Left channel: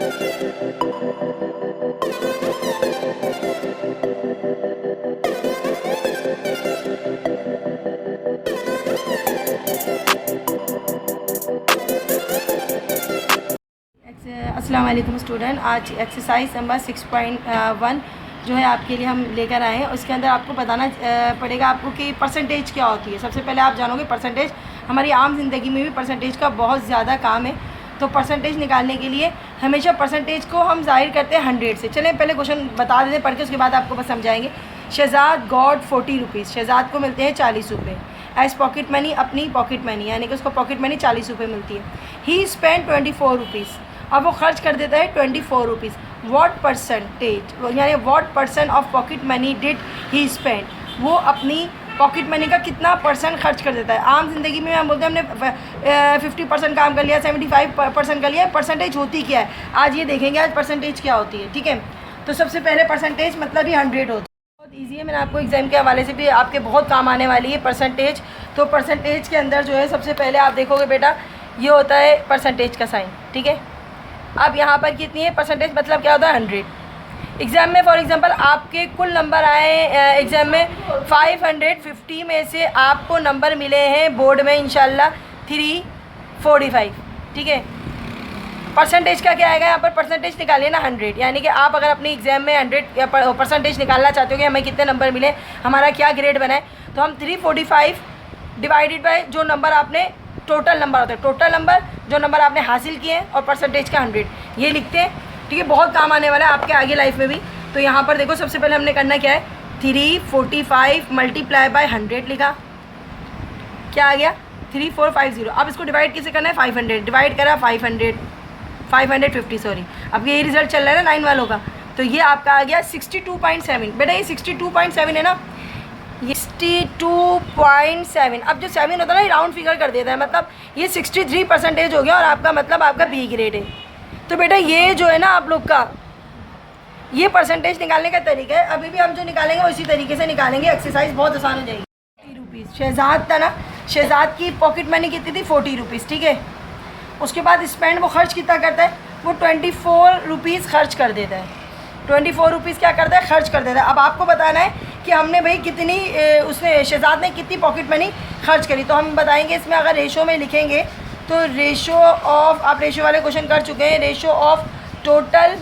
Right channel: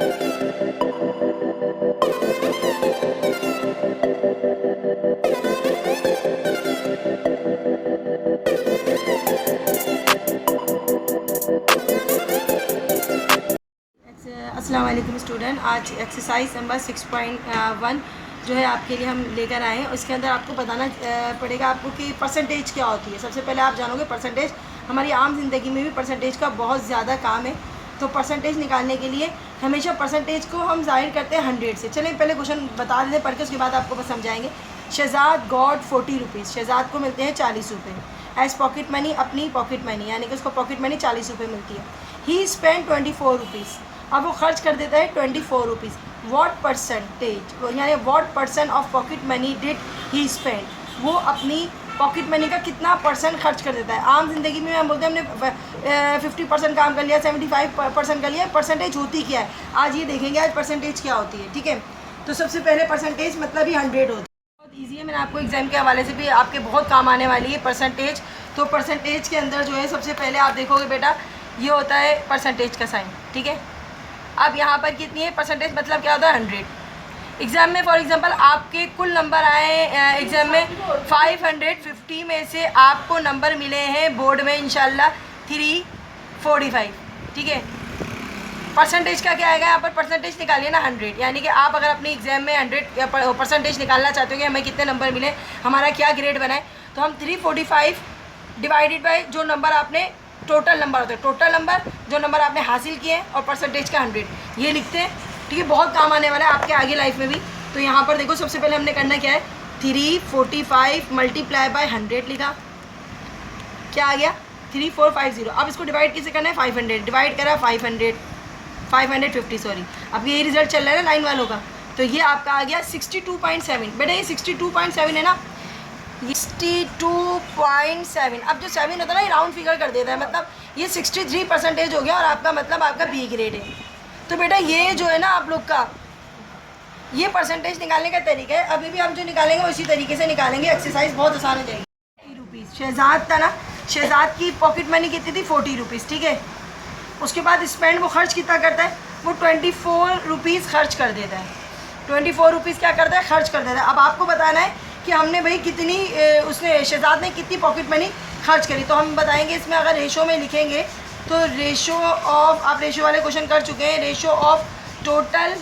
अस्सलाम वालेकुम स्टूडेंट, आज एक्सरसाइज नंबर 6.1 जो है आपके लिए हम लेकर आए हैं। उसके अंदर आपको बताना पड़ेगा आपको कि परसेंटेज क्या होती है। सबसे पहले आप जानोगे परसेंटेज, हमारी आम ज़िंदगी में भी परसेंटेज का बहुत ज़्यादा काम है। तो परसेंटेज निकालने के लिए हमेशा परसेंटेज को हम जाहिर करते हैं 100 से। चलें पहले क्वेश्चन बता देते पढ़ के, उसके बाद आपको बस समझाएंगे। शहजाद गॉट 40 रुपीज़, शहजाद को मिलते हैं 40 रुपये एज पॉकेट मनी, अपनी पॉकेट मनी, यानी कि उसको पॉकेट मनी 40 रुपये मिलती है। ही स्पेंड 24 रुपीज़, अब वो खर्च कर देता है 24 रुपीज़। वॉट परसेंटेज यानी what percent of pocket money did he spend, वो अपनी पॉकेट मनी का कितना परसेंट खर्च कर देता है। आम जिंदगी में हम बोलते हैं हमने 50% काम कर लिया, 75% कर लिया। परसेंटेज होती क्या है आज ये देखेंगे, आज परसेंटेज क्या होती है। ठीक है, तो सबसे पहले परसेंटेज मतलब ही 100 होती है। बहुत ईजी है, मैंने आपको एग्जाम के हवाले से भी आपके बहुत काम आने वाली है परसेंटेज। तो परसेंटेज के अंदर जो है सबसे पहले आप देखोगे बेटा, ये होता है परसेंटेज का साइन। ठीक है, अब यहाँ पर कितनी है परसेंटेज, मतलब क्या होता है 100। एग्ज़ाम में फॉर एग्जांपल आपके कुल नंबर आए एग्ज़ाम में 550 में से आपको नंबर मिले हैं बोर्ड में इंशाल्लाह 345। ठीक है, परसेंटेज का क्या आएगा यहाँ पर, परसेंटेज निकालिए ना 100, यानी कि आप अगर अपनी एग्ज़ाम में 100 परसेंटेज निकालना चाहते हो कि हमें कितने नंबर मिले, हमारा क्या ग्रेड बना है, तो हम 345 डिवाइडेड बाई जो नंबर आपने टोटल नंबर होता है, टोटल नंबर जो नंबर आपने हासिल किए हैं और परसेंटेज का 100 ये लिखते हैं। ठीक है, बहुत काम आने वाला है आपके आगे लाइफ में भी। तो यहाँ पर देखो सबसे पहले हमने करना क्या है, 345 मल्टीप्लाई बाय 100 लिखा, क्या आ गया 3450। अब इसको डिवाइड किसे करना है 500, डिवाइड करा 550 सॉरी। अब ये रिजल्ट चल रहा है ना 9 वालों का, तो ये आपका आ गया 62.7। बेटा ये 62.7 है ना, 62.7। अब जो 7 होता है ना, ये राउंड फिगर कर देता है, मतलब ये 63% हो गया और आपका मतलब आपका बी ग्रेड है। तो बेटा ये जो है ना आप लोग का ये परसेंटेज निकालने का तरीका है। अभी भी हम जो निकालेंगे उसी तरीके से निकालेंगे, एक्सरसाइज बहुत आसान हो जाएगी। 40 रुपीज़ शहजाद था ना, शहजाद की पॉकेट मनी कितनी थी 40 रुपीज़। ठीक है, उसके बाद स्पेंड वो खर्च कितना करता है, वो 24 रुपीज़ खर्च कर देता है। 24 रुपीज़ क्या करता है, खर्च कर देता है। अब आपको बताना है कि हमने भाई कितनी उसने शहजाद ने कितनी पॉकेट मनी खर्च करी। तो हम बताएंगे इसमें, अगर रेशो में लिखेंगे तो रेशो ऑफ, आप रेशो वाले क्वेश्चन कर चुके हैं, रेशो ऑफ टोटल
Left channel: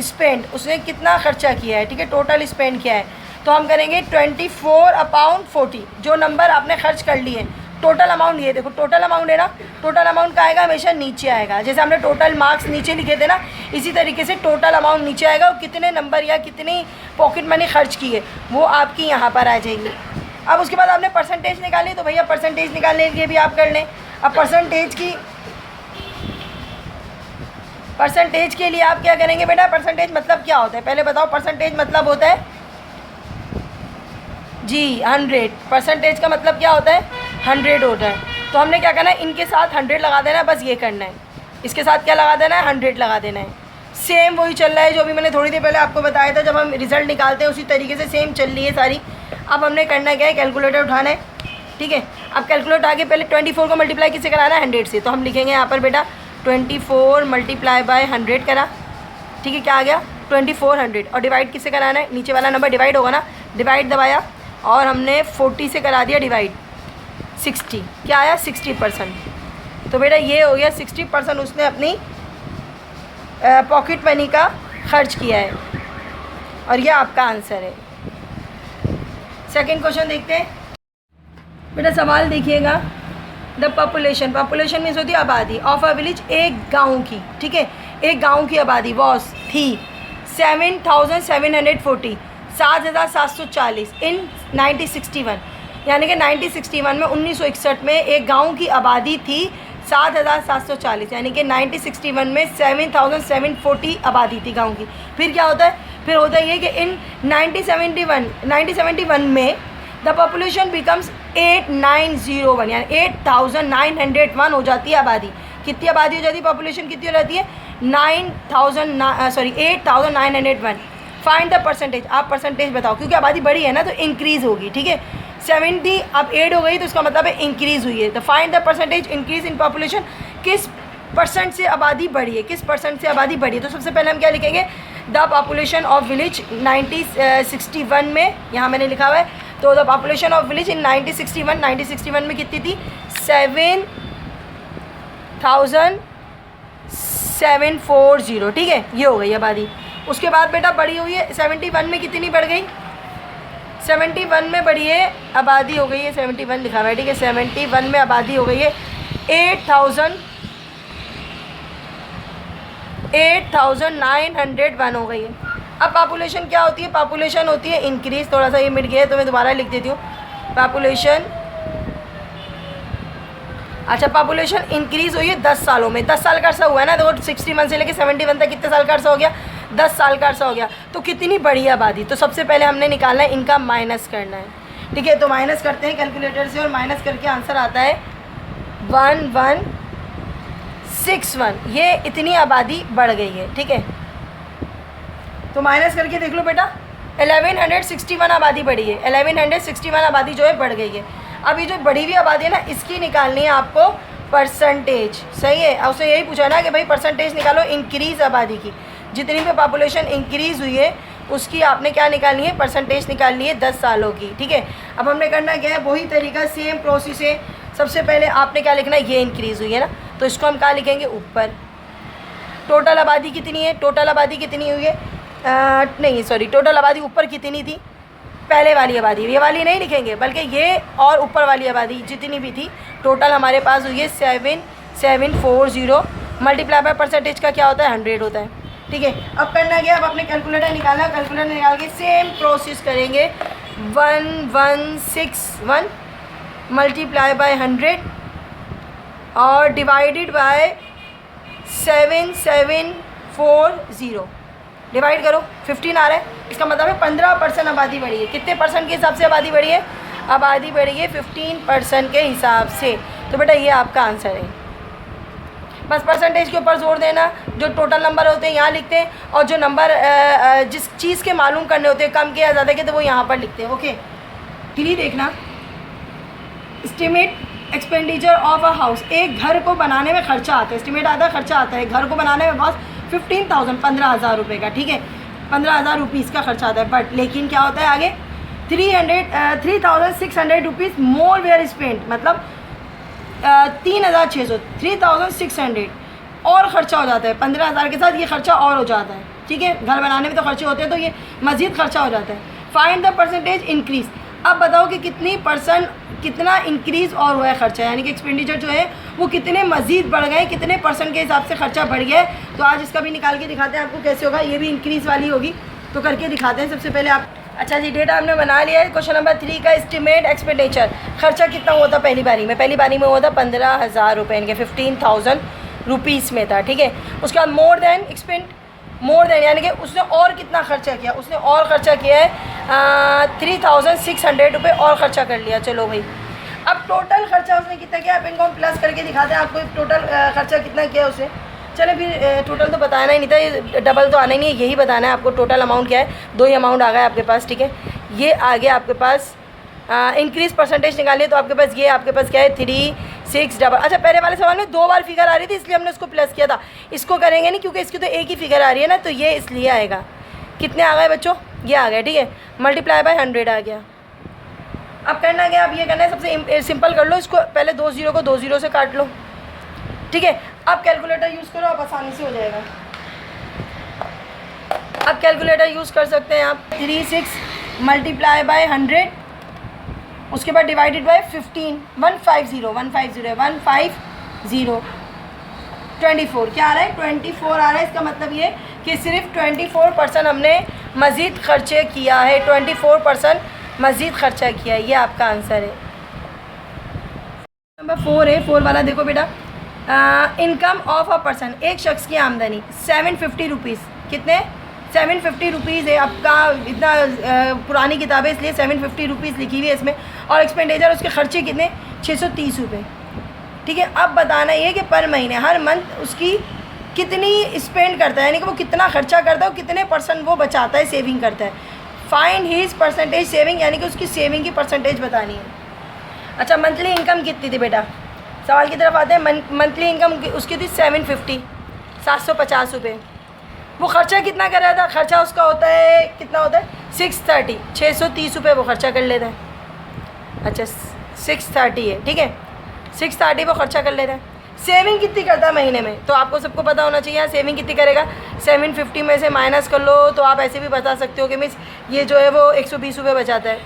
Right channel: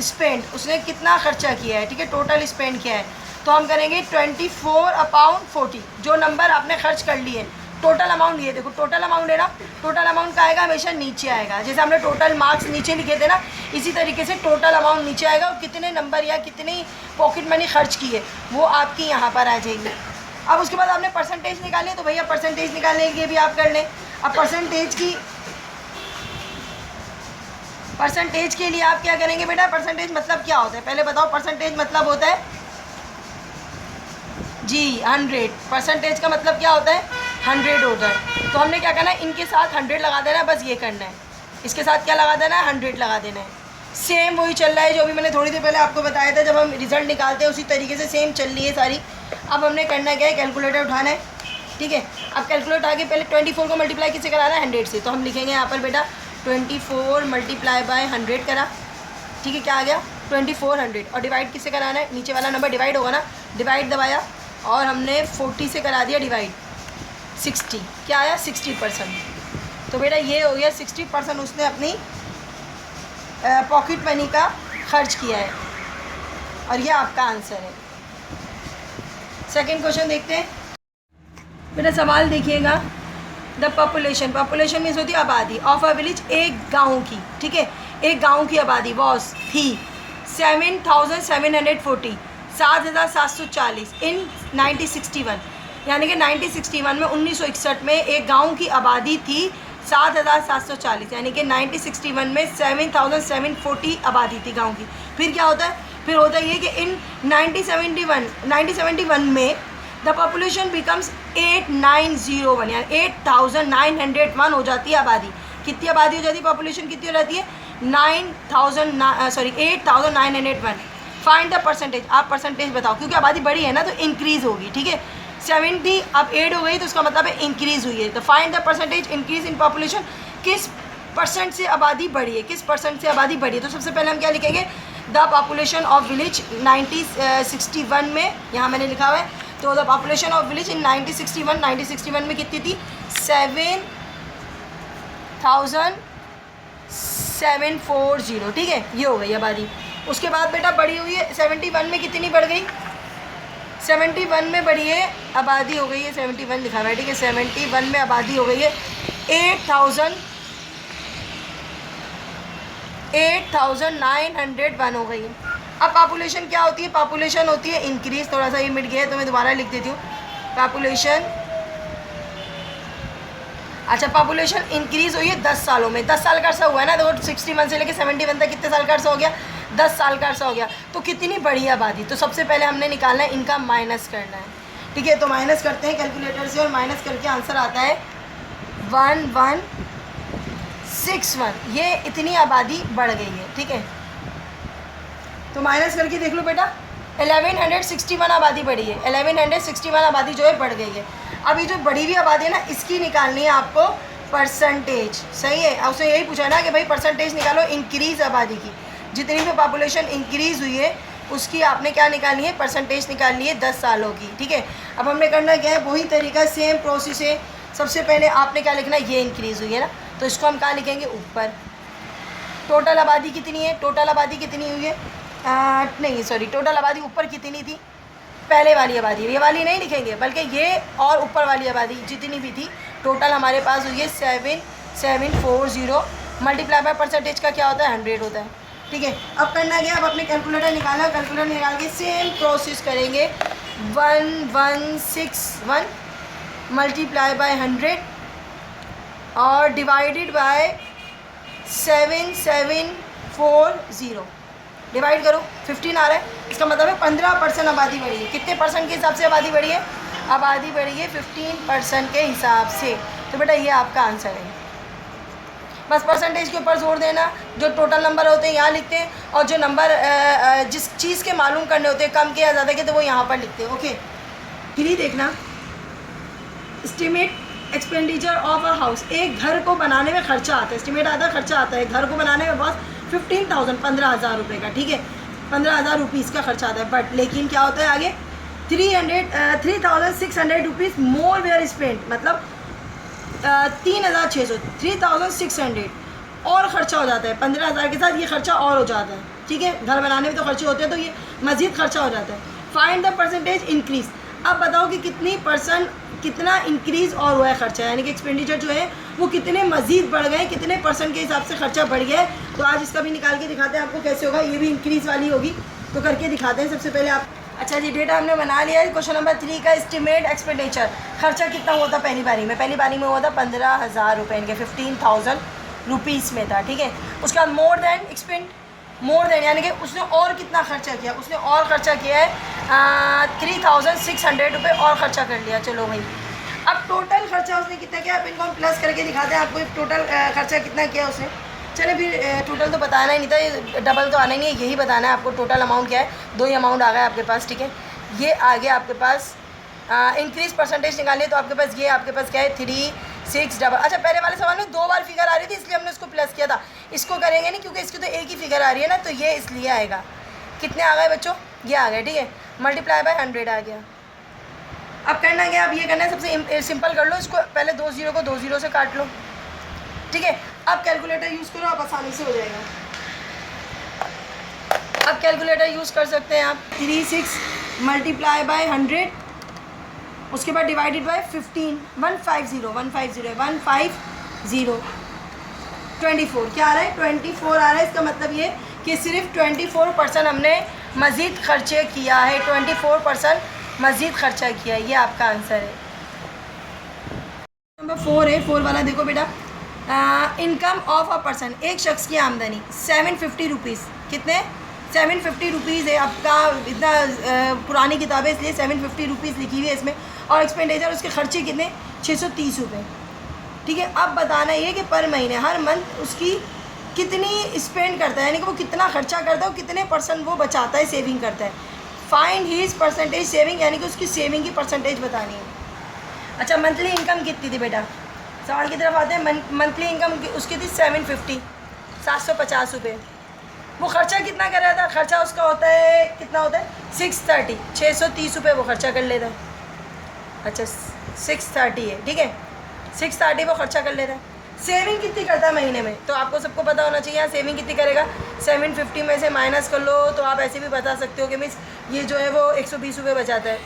स्पेंड, उसने कितना खर्चा किया है। ठीक है, टोटल स्पेंड किया है, तो हम करेंगे 24/40। जो नंबर आपने खर्च कर लिए, टोटल अमाउंट ये देखो, टोटल अमाउंट है ना, टोटल अमाउंट का आएगा हमेशा नीचे आएगा। जैसे हमने टोटल मार्क्स नीचे लिखे थे ना, इसी तरीके से टोटल अमाउंट नीचे आएगा और कितने नंबर या कितनी पॉकेट मनी खर्च की है वो आपकी यहाँ पर आ जाएगी। अब उसके बाद आपने परसेंटेज निकाली, तो भैया परसेंटेज निकालने के लिए भी आप कर लें। अब परसेंटेज के लिए आप क्या करेंगे बेटा, परसेंटेज मतलब क्या होता है पहले बताओ। परसेंटेज मतलब होता है जी 100, परसेंटेज का मतलब क्या होता है 100 होता है। तो हमने क्या करना है, इनके साथ 100 लगा देना है, बस ये करना है। इसके साथ क्या लगा देना है, 100 लगा देना है। सेम वही चल रहा है जो अभी मैंने थोड़ी देर पहले आपको बताया था, जब हम रिजल्ट निकालते हैं उसी तरीके से सेम चल रही है सारी। अब हमने करना क्या है, कैलकुलेटर उठाना है। ठीक है, अब कैलकुलेटर आगे पहले 24 को मल्टीप्लाई किससे कराना है 100 से, तो हम लिखेंगे यहाँ पर बेटा 24 मल्टीप्लाई बाय 100 करा। ठीक है, क्या आ गया 2400। और डिवाइड किससे कराना है, नीचे वाला नंबर डिवाइड होगा ना, डिवाइड दबाया और हमने 40 से करा दिया डिवाइड, 60 क्या आया 60%। तो बेटा ये हो गया 60% उसने अपनी पॉकेट मनी का खर्च किया है और ये आपका आंसर है। सेकंड क्वेश्चन देखते हैं बेटा, सवाल देखिएगा। द पॉपुलेशन, पॉपुलेशन मीन्स होती है आबादी, ऑफ अ विलेज, एक गाँव की। ठीक है, एक गाँव की आबादी वॉज थी 7,740, 7,740 इन 1961, यानी कि 1961 में 1961 में एक गांव की आबादी थी 7,740, यानी कि 1961 में 7,740 आबादी थी गांव की। फिर क्या होता है, फिर होता है ये कि इन 1971 में द पॉपुलेशन बिकम्स 8901, यानी 8,901 हो जाती है आबादी। कितनी आबादी हो जाती है, पॉपुलेशन कितनी हो जाती है 8,901। फाइंड द परसेंटेज, आप परसेंटेज बताओ, क्योंकि आबादी बड़ी है ना तो इंक्रीज़ होगी। ठीक है, 70 अब 8 हो गई तो उसका मतलब है इंक्रीज़ हुई है। तो find the percentage increase in population, किस परसेंट से आबादी बढ़ी है, किस परसेंट से आबादी बढ़ी है। तो सबसे पहले हम क्या लिखेंगे, द पॉपुलेशन ऑफ विलेज 1961 में, यहाँ मैंने लिखा हुआ है। तो the population of village in 1961 में कितनी थी, 7,740, ठीक है, ये हो गई आबादी। उसके बाद बेटा बढ़ी हुई है 71 में, कितनी बढ़ गई, 71 में बढ़ी है आबादी, हो गई है 71 लिखा हुआ है, ठीक है। 71 में आबादी हो गई है 8,901 हो गई है। अब पॉपुलेशन क्या होती है, पॉपुलेशन होती है इंक्रीज, थोड़ा सा ये मिट गया है तो मैं दोबारा लिख देती हूँ। पॉपुलेशन, अच्छा पॉपुलेशन इंक्रीज हुई है 10 सालों में, 10 साल का अर्सा हुआ है ना, तो 61 से लेकर 71 तक कितने साल का अर्सा हो गया, 10 साल का अर्सा हो गया। तो कितनी बड़ी आबादी, तो सबसे पहले हमने निकालना है, इनका माइनस करना है, ठीक है। तो माइनस करते हैं कैलकुलेटर से और माइनस करके आंसर आता है 1161, ये इतनी आबादी बढ़ गई है, ठीक है। तो माइनस करके देख लो बेटा, 1161 आबादी बढ़ी है, 1161 आबादी जो है बढ़ गई है। अब ये जो बढ़ी हुई आबादी है ना, इसकी निकालनी है आपको परसेंटेज, सही है। और उससे यही पूछा ना कि भाई परसेंटेज निकालो इंक्रीज आबादी की, जितनी भी पॉपुलेशन इंक्रीज़ हुई है उसकी आपने क्या निकालनी है, परसेंटेज निकालनी है 10 सालों की, ठीक है। अब हमने करना क्या है, वही तरीका, सेम प्रोसेस है। सबसे पहले आपने क्या लिखना है, ये इंक्रीज़ हुई है ना, तो इसको हम क्या लिखेंगे, ऊपर। टोटल आबादी कितनी है, टोटल आबादी कितनी हुई है, नहीं सॉरी, टोटल आबादी ऊपर कितनी थी, पहले वाली आबादी, ये वाली नहीं लिखेंगे बल्कि ये और ऊपर वाली आबादी जितनी भी थी, टोटल हमारे पास हुई है 7740, मल्टीप्लाई बाय परसेंटेज का क्या होता है, 100 होता है, ठीक है। अब करना क्या, अब अपने कैलकुलेटर निकालना, कैलकुलेटर निकाल के सेम प्रोसेस करेंगे, 1161 मल्टीप्लाई बाय 100 और डिवाइडेड बाय 7740, डिवाइड करो, 15 आ रहा है, इसका मतलब है 15% आबादी बढ़ी है। कितने परसेंट के हिसाब से आबादी बढ़ी है, आबादी बढ़ी है 15% के हिसाब से। तो बेटा ये आपका आंसर है। बस परसेंटेज के ऊपर जोर देना, जो टोटल नंबर होते हैं यहाँ लिखते हैं, और जो नंबर जिस चीज़ के मालूम करने होते हैं, कम के या ज़्यादा के, तो वो यहाँ पर लिखते हैं, ओके। फिर देखना, estimate expenditure of a house, एक घर को बनाने में खर्चा आता है, एस्टिमेट आता है, खर्चा आता है, घर को बनाने में बस 15,000 15,000 रुपये का, ठीक है, 15,000 रुपीज़ का खर्चा आता है। बट लेकिन क्या होता है आगे, 3,600 रुपीज़ मोर वेयर स्पेंट, मतलब 3,600 3,600 और ख़र्चा हो जाता है, 15,000 के साथ ये खर्चा और हो जाता है, ठीक है। घर बनाने में तो खर्चे होते हैं, तो ये मज़ीद खर्चा हो जाता है। फाइंड द परसेंटेज इंक्रीज़, अब बताओ कि कितना इंक्रीज़ और हुआ है खर्चा, यानी कि एक्सपेंडिचर जो है वो कितने मज़ीद बढ़ गए, कितने परसेंट के हिसाब से खर्चा बढ़ गया है। तो आज इसका भी निकाल के दिखाते हैं आपको कैसे होगा, ये भी इंक्रीज़ वाली होगी, तो करके दिखाते हैं। सबसे पहले आप, अच्छा जी, डेटा हमने बना लिया है। क्वेश्चन नंबर 3 का एस्टिमेट एक्सपेंडिचर, खर्चा कितना हुआ था पहली बारी में हुआ था 15,000 रुपये, इनके 15,000 रुपीज़ में था, ठीक है। उसका more than expand, more than यानी कि उसने और कितना खर्चा किया, उसने और खर्चा किया है 3,600 रुपये और ख़र्चा कर लिया। चलो भाई, अब टोटल खर्चा उसने कितना किया, अब इनको हम प्लस करके दिखाते हैं आपको टोटल खर्चा कितना किया उसने। चले फिर टोटल तो बताना ही नहीं था, ये डबल तो आना ही नहीं है, यही बताना है आपको टोटल अमाउंट क्या है। 2 ही अमाउंट आ गया आपके पास, ठीक है। ये आ गया आपके पास, इंक्रीज़ परसेंटेज निकालिए तो आपके पास ये आपके पास क्या है 36 डबल। अच्छा, पहले वाले सवाल में 2 बार फिगर आ रही थी इसलिए हमने उसको प्लस किया था, इसको करेंगे नहीं क्योंकि इसकी तो एक ही फिगर आ रही है ना, तो ये इसलिए आएगा। कितने आ गए बच्चों, ये आ गए, ठीक है, मल्टीप्लाई बाय 100 आ गया। अब करना क्या, अब ये करना है, सबसे सिंपल कर लो इसको, पहले 2 0 को 2 0 से काट लो, ठीक है। अब कैलकुलेटर यूज़ करो, आप आसानी से हो जाएगा। अब कैलकुलेटर यूज़ कर सकते हैं आप, 36 मल्टीप्लाई बाय 100, उसके बाद डिवाइडेड बाय 15, 150 24 क्या आ रहा है, 24 आ रहा है। इसका मतलब ये कि सिर्फ 24% हमने मज़ीद खर्चे किया है, 24% मज़ीद खर्चा किया है, ये आपका आंसर है। नंबर 4 है, 4 वाला देखो बेटा, इनकम ऑफ अ पर्सन, एक शख्स की आमदनी 750 रुपीज़, कितने 750 रुपीज़ है। आपका इतना पुरानी किताब है इसलिए 750 रुपीज़ लिखी हुई है इसमें, और एक्सपेंडिचर उसके खर्चे कितने 630 रुपये, ठीक है। अब बताना ये कि पर महीने, हर मंथ उसकी कितनी स्पेंड करता है, यानी कि वो कितना खर्चा करता है और कितने % वो बचाता है, सेविंग करता है। फाइंड हीज़ परसेंटेज सेविंग, यानी कि उसकी सेविंग की परसेंटेज बतानी है। अच्छा, मंथली इनकम कितनी थी बेटा, सवाल की तरफ आते हैं। मंथली इनकम उसकी थी 750, 750 रुपये। वो खर्चा कितना कर रहा था? खर्चा उसका होता है, कितना होता है? 630, 630 रुपये वो खर्चा कर लेता है। अच्छा 630 है, ठीक है, 630 वो खर्चा कर लेता है। सेविंग कितनी करता है महीने में? तो आपको सबको पता होना चाहिए। सेविंग कितनी करेगा? 750 में से माइनस कर लो तो आप ऐसे भी बता सकते हो कि मिस ये जो है वो 120 रुपये बचाता है।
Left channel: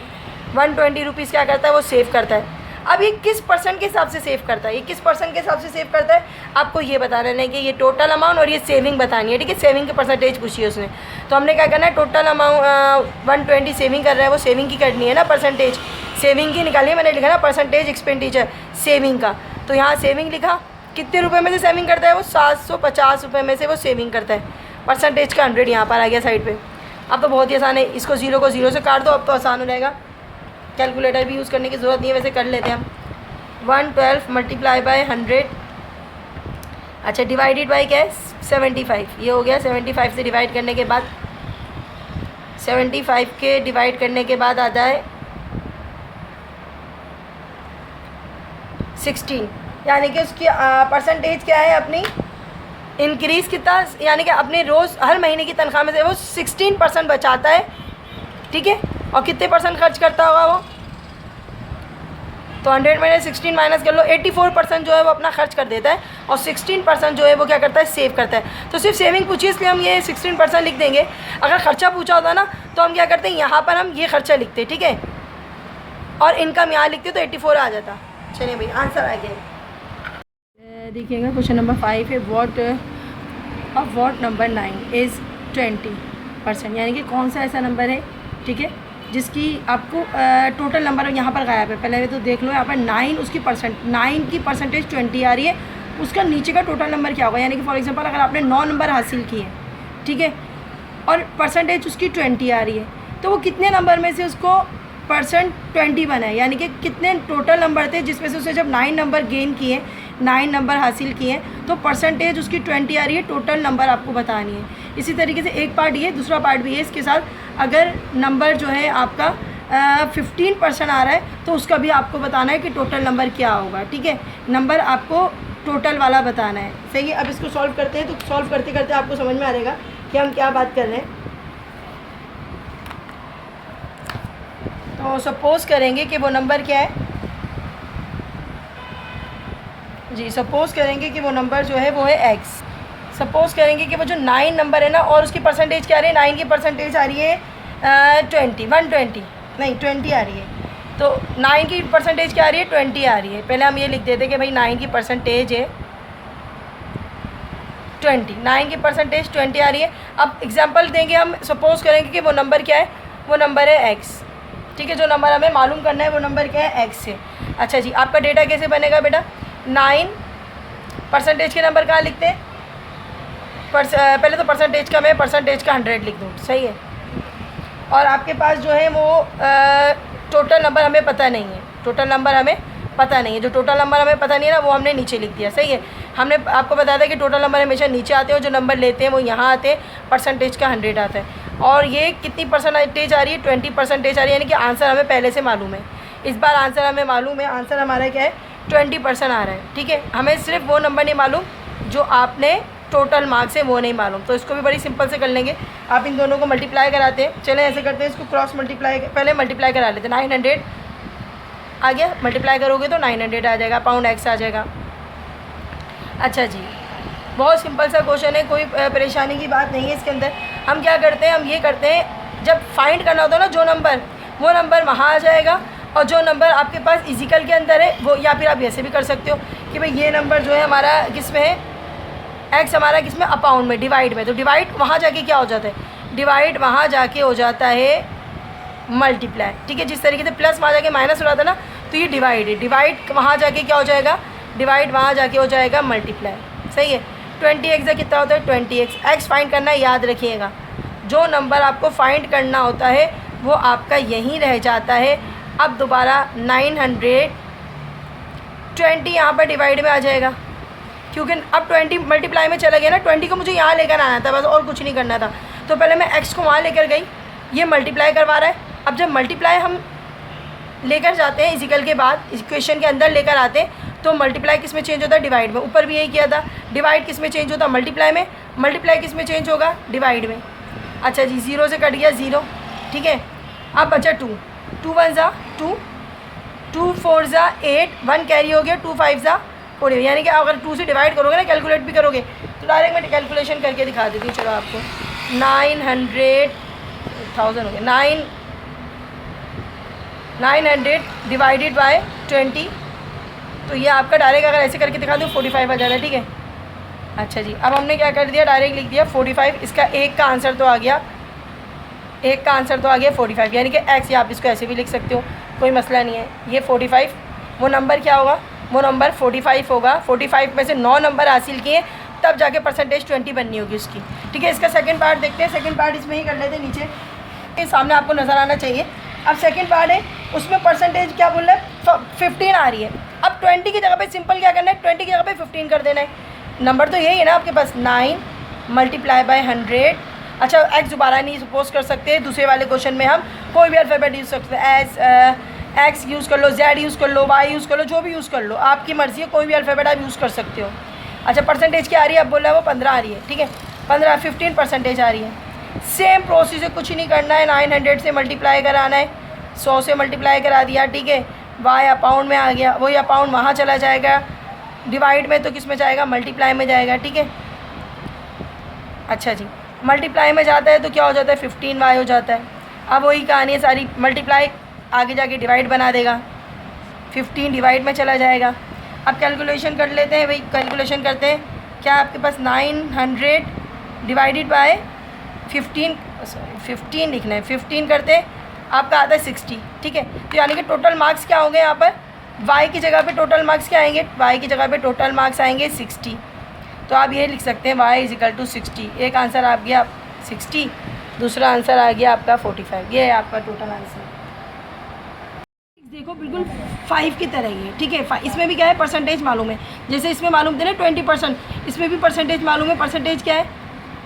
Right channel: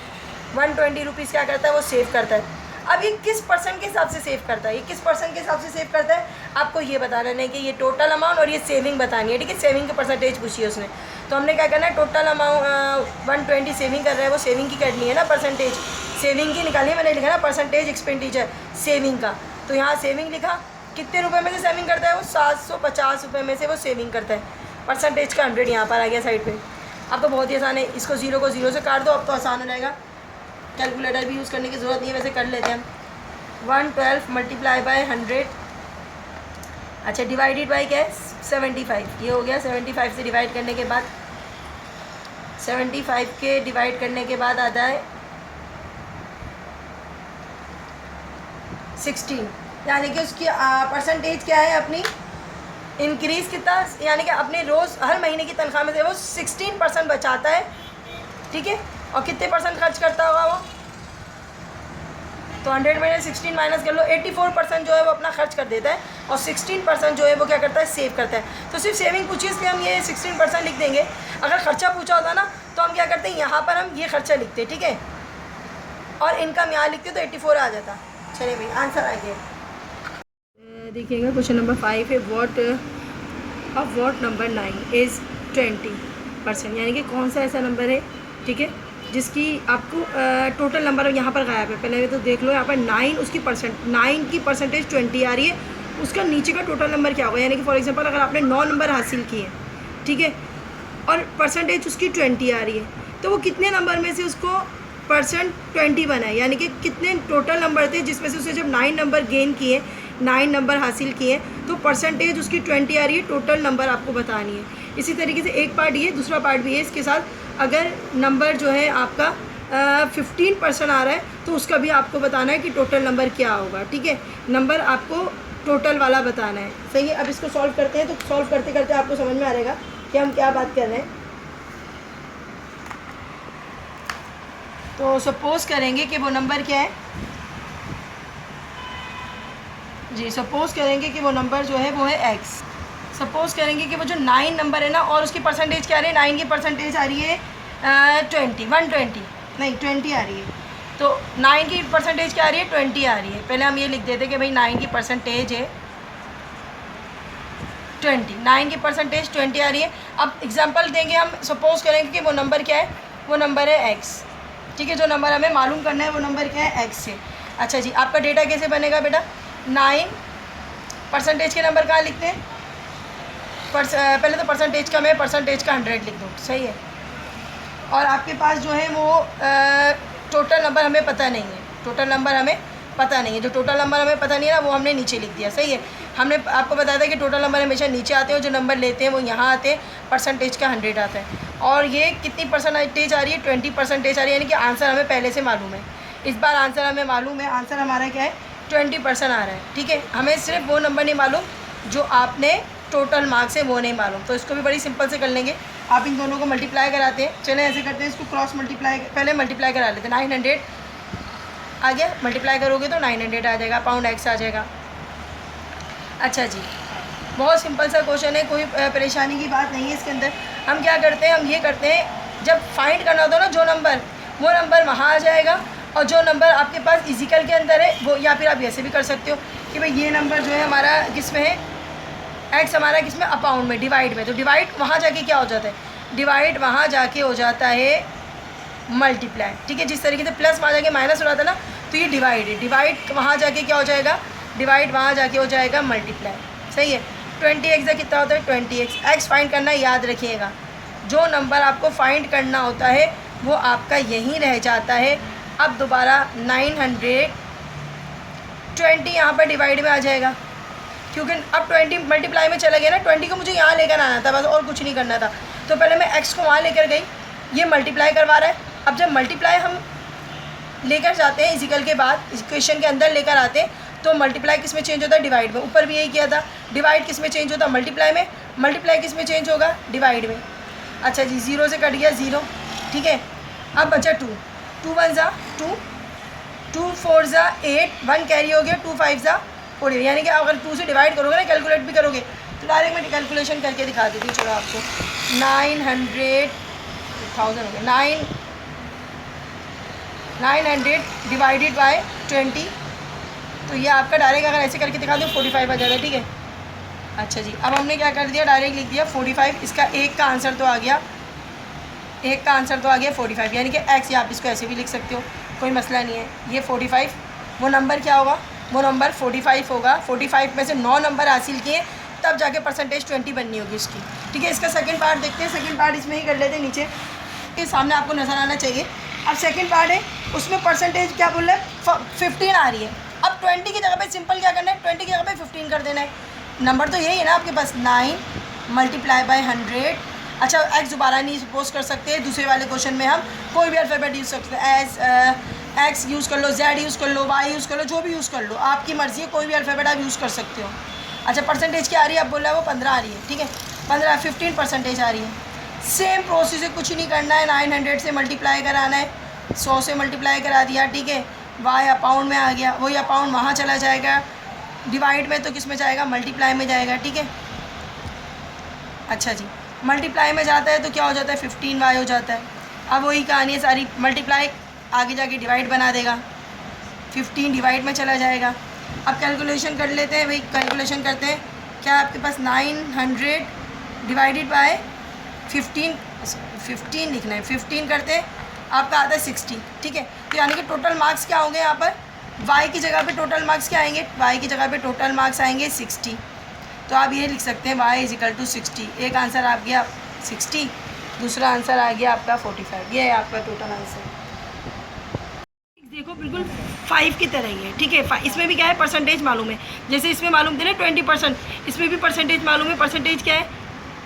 120 रुपीज़ क्या करता है? वो सेव करता है। अब ये किस परसेंट के हिसाब से सेव करता है? ये किस परसेंट के हिसाब से सेव करता है आपको ये बताना है कि ये टोटल अमाउंट और ये सेविंग बतानी है, ठीक है। सेविंग के परसेंटेज पूछी है उसने, तो हमने क्या करना है? टोटल अमाउंट 120 सेविंग कर रहा है, वो सेविंग की करनी है ना, परसेंटेज सेविंग की निकालिए। मैंने लिखा ना परसेंटेज एक्सपेंडिचर सेविंग का, तो यहाँ सेविंग लिखा। कितने रुपए में से सेविंग करता है वो? 750 रुपये में से वो सेविंग करता है। परसेंटेज का 100 यहाँ पर आ गया साइड पे। अब तो बहुत ही आसान है, इसको 0 को 0 से काट दो, अब तो आसान हो जाएगा। कैलकुलेटर भी यूज़ करने की ज़रूरत नहीं है, वैसे कर लेते हैं हम। 112 मल्टीप्लाई बाय 100, अच्छा डिवाइडेड बाई क्या है? 75। ये हो गया। 75 से डिवाइड करने के बाद 75 के डिवाइड करने के बाद आता है 16, यानी कि उसकी परसेंटेज क्या है अपनी? इंक्रीज़ कितना, यानी कि अपने रोज़ हर महीने की तनख्वाह में से वो 16% बचाता है, ठीक है। और कितने परसेंट खर्च करता होगा वो? तो 100 में 16 माइनस कर लो, 84% जो है वो अपना खर्च कर देता है और 16% जो है वो क्या करता है? सेव करता है। तो सिर्फ सेविंग पूछी इसलिए हम ये 16% लिख देंगे। अगर खर्चा पूछा होता ना तो हम क्या करते हैं? यहाँ पर हम ये खर्चा लिखते, ठीक है, और इनकम यहाँ लिखते तो 84 आ जाता। चलिए भाई आंसर आ गया। देखिएगा क्वेश्चन नंबर 5 है, वॉट नंबर 9 इज़ 20%, यानी कि कौन सा ऐसा नंबर है, ठीक है, जिसकी आपको टोटल नंबर यहाँ पर गायब है। पहले तो देख लो यहाँ पर 9 उसकी 9 की परसेंटेज 20 आ रही है, उसका नीचे का टोटल नंबर क्या होगा? यानी कि फॉर एग्जांपल अगर आपने 9 नंबर हासिल किए, ठीक है, और परसेंटेज उसकी 20 आ रही है, तो वो कितने नंबर में से उसको परसेंट 20 बना है? यानी कि कितने टोटल नंबर थे जिसमें से उसे जब 9 नंबर गेन किए, 9 नंबर हासिल किए, तो परसेंटेज उसकी 20 आ रही है। टोटल नंबर आपको बतानी है। इसी तरीके से एक पार्ट ये, दूसरा पार्ट भी है इसके साथ। अगर नंबर जो है आपका 15% आ रहा है तो उसका भी आपको बताना है कि टोटल नंबर क्या होगा, ठीक है। नंबर आपको टोटल वाला बताना है, सही है। अब इसको सॉल्व करते हैं, तो सॉल्व करते करते आपको समझ में आ जाएगा कि हम क्या बात कर रहे हैं। तो सपोज़ करेंगे कि वो नंबर क्या है जी, सपोज़ करेंगे कि वो नंबर जो है वो है x। सपोज़ करेंगे कि वो जो 9 नंबर है ना, और उसकी परसेंटेज क्या आ रही है? 9 की परसेंटेज आ रही है 120 नहीं 20 आ रही है। तो 9 की परसेंटेज क्या आ रही है? 20 आ रही है। पहले हम ये लिख देते कि भाई 9 की परसेंटेज है 20, 9 की परसेंटेज 20 आ रही है। अब एग्जांपल देंगे हम, सपोज़ करेंगे कि वो नंबर क्या है? वो नंबर है x, ठीक है। जो नंबर हमें मालूम करना है वो नंबर क्या है? x है। अच्छा जी, आपका डेटा कैसे बनेगा बेटा? 9 परसेंटेज के नंबर कहाँ लिखते हैं? पहले तो परसेंटेज का मैं परसेंटेज का 100 लिख दूँ, सही है। और आपके पास जो है वो टोटल नंबर हमें पता नहीं है, टोटल नंबर हमें पता नहीं है। जो टोटल नंबर हमें पता नहीं है ना, वो हमने नीचे लिख दिया, सही है। हमने आपको बताया था कि टोटल नंबर हमेशा नीचे आते हैं, जो नंबर लेते हैं वो यहाँ आते हैं, परसेंटेज का 100 आता है। और ये कितनी परसेंटेज आ रही है? 20% आ रही है, यानी कि आंसर हमें पहले से मालूम है। इस बार आंसर हमें मालूम है, आंसर हमारा क्या है? 20% आ रहा है, ठीक है। हमें सिर्फ वो नंबर नहीं मालूम जो आपने टोटल मार्क्स है वो नहीं मालूम। तो इसको भी बड़ी सिंपल से कर लेंगे। आप इन दोनों को मल्टीप्लाई कराते हैं, चलें ऐसे करते हैं, इसको क्रॉस मल्टीप्लाई, पहले मल्टीप्लाई करा लेते हैं। 900 आ गया, मल्टीप्लाई करोगे तो 900 आ जाएगा, पाउंड x आ जाएगा। अच्छा जी, बहुत सिंपल सा क्वेश्चन है, कोई परेशानी की बात नहीं है इसके अंदर। हम क्या करते हैं? हम ये करते हैं, जब फाइंड करना होता है ना जो नंबर, वो नंबर वहाँ आ जाएगा, और जो नंबर आपके पास इजिकल के अंदर है वो, या फिर आप ऐसे भी कर सकते हो कि भाई ये नंबर जो है हमारा किस में है? x हमारा किस में? अपाउंड में, डिवाइड में। तो डिवाइड वहाँ जाके क्या हो जाता है? डिवाइड वहाँ जाके हो जाता है मल्टीप्लाई, ठीक है। जिस तरीके से प्लस वहाँ जाके माइनस हो जाता है ना, तो ये डिवाइड है। डिवाइड वहाँ जाके क्या हो जाएगा? डिवाइड वहाँ जाके हो जाएगा मल्टीप्लाई, सही है। 20x कितना होता है? 20x। x फाइंड करना है, याद रखिएगा। जो नंबर आपको फाइंड करना होता है वो आपका यहीं रह जाता है। अब दोबारा 920 यहाँ पर डिवाइड में आ जाएगा, क्योंकि अब 20 मल्टीप्लाई में चला गया ना। 20 को मुझे यहाँ लेकर आना था बस, और कुछ नहीं करना था। तो पहले मैं x को वहाँ लेकर गई, ये मल्टीप्लाई करवा रहा है। अब जब मल्टीप्लाई हम लेकर जाते हैं इजिकल के बाद, इक्वेशन के अंदर लेकर आते हैं, तो मल्टीप्लाई किस में चेंज होता है, डिवाइड में। ऊपर भी यही किया था, डिवाइड किस में चेंज होता है, मल्टीप्लाई में। मल्टीप्लाई किस में चेंज होगा, डिवाइड में। अच्छा जी, 0 से कट गया 0, ठीक है। अब बचा 2, 2 1 ज़ा 2, 2 4 ज़ा 8, 1 कैरी हो गया, 2 5 ज़ा 40, यानी कि अगर 2 से डिवाइड करोगे ना, कैलकुलेट भी करोगे तो डायरेक्ट मैं कैलकुलेशन करके दिखा देती हूँ। चलो आपको 900 हो गया, 900 डिवाइडेड बाय 20, तो ये आपका डायरेक्ट अगर ऐसे करके दिखा दूँ 45 आ जाता है, ठीक है। अच्छा जी, अब हमने क्या कर दिया, डायरेक्ट लिख दिया 45। इसका एक का आंसर तो आ गया, एक का आंसर तो आ गया 45, यानी कि एक्स, या आप इसको ऐसे भी लिख सकते हो, कोई मसला नहीं है। ये 45, वो नंबर क्या होगा, वो नंबर 45 होगा। 45 में से 9 नंबर हासिल किए तब जाके परसेंटेज 20 बननी होगी उसकी, ठीक है। इसका सेकंड पार्ट देखते हैं, सेकंड पार्ट इसमें ही कर लेते हैं, नीचे के सामने आपको नज़र आना चाहिए। अब सेकंड पार्ट है, उसमें परसेंटेज क्या बोल रहा है, 15 आ रही है। अब 20 की जगह पे सिंपल क्या करना है, 20 की जगह पे 15 कर देना है। नंबर तो यही है ना आपके पास, 9 मल्टीप्लाई बाय 100। अच्छा, एक्स दोबारा नहीं सपोज कर सकते, दूसरे वाले क्वेश्चन में हम कोई भी अल्फ़ाबेट यूज़ कर सकते हैं, एस एक्स यूज़ कर लो, जेड यूज़ कर लो, वाई यूज़ कर लो, जो भी यूज़ कर लो, आपकी मर्ज़ी है, कोई भी अल्फ़ाबेट आप यूज़ कर सकते हो। अच्छा, परसेंटेज क्या आ रही है, अब बोल रहा है वो 15 आ रही है, ठीक है, 15 परसेंटेज आ रही है। सेम प्रोसेस है, कुछ नहीं करना है, 900 से मल्टीप्लाई कराना है, 100 से मल्टीप्लाई करा दिया, ठीक है। वाई अपाउंड में आ गया, वही अपाउंड वहाँ चला जाएगा, डिवाइड में तो किस में जाएगा, मल्टीप्लाई में जाएगा, ठीक है। अच्छा जी, मल्टीप्लाई में जाता है तो क्या हो जाता है, 15y हो जाता है। अब वही कहानी है सारी, मल्टीप्लाई आगे जाके डिवाइड बना देगा, 15 डिवाइड में चला जाएगा। अब कैलकुलेशन कर लेते हैं भाई, कैलकुलेशन करते हैं, क्या आपके पास 900 डिवाइडेड बाय 15 लिखना है, 15 करते हैं आपका आता है 60, ठीक है। तो यानी कि टोटल मार्क्स क्या होंगे यहाँ पर, y की जगह पे टोटल मार्क्स क्या आएंगे, y की जगह पे टोटल मार्क्स आएंगे 60। तो आप ये लिख सकते हैं y = 60। एक आंसर आ गया 60, दूसरा आंसर आ गया आपका 45। ये है आपका टोटल आंसर। देखो बिल्कुल 5 की तरह ही है, ठीक है। इसमें भी क्या है, परसेंटेज मालूम है, जैसे इसमें मालूम थे ना 20%, इसमें भी परसेंटेज मालूम है। परसेंटेज क्या है,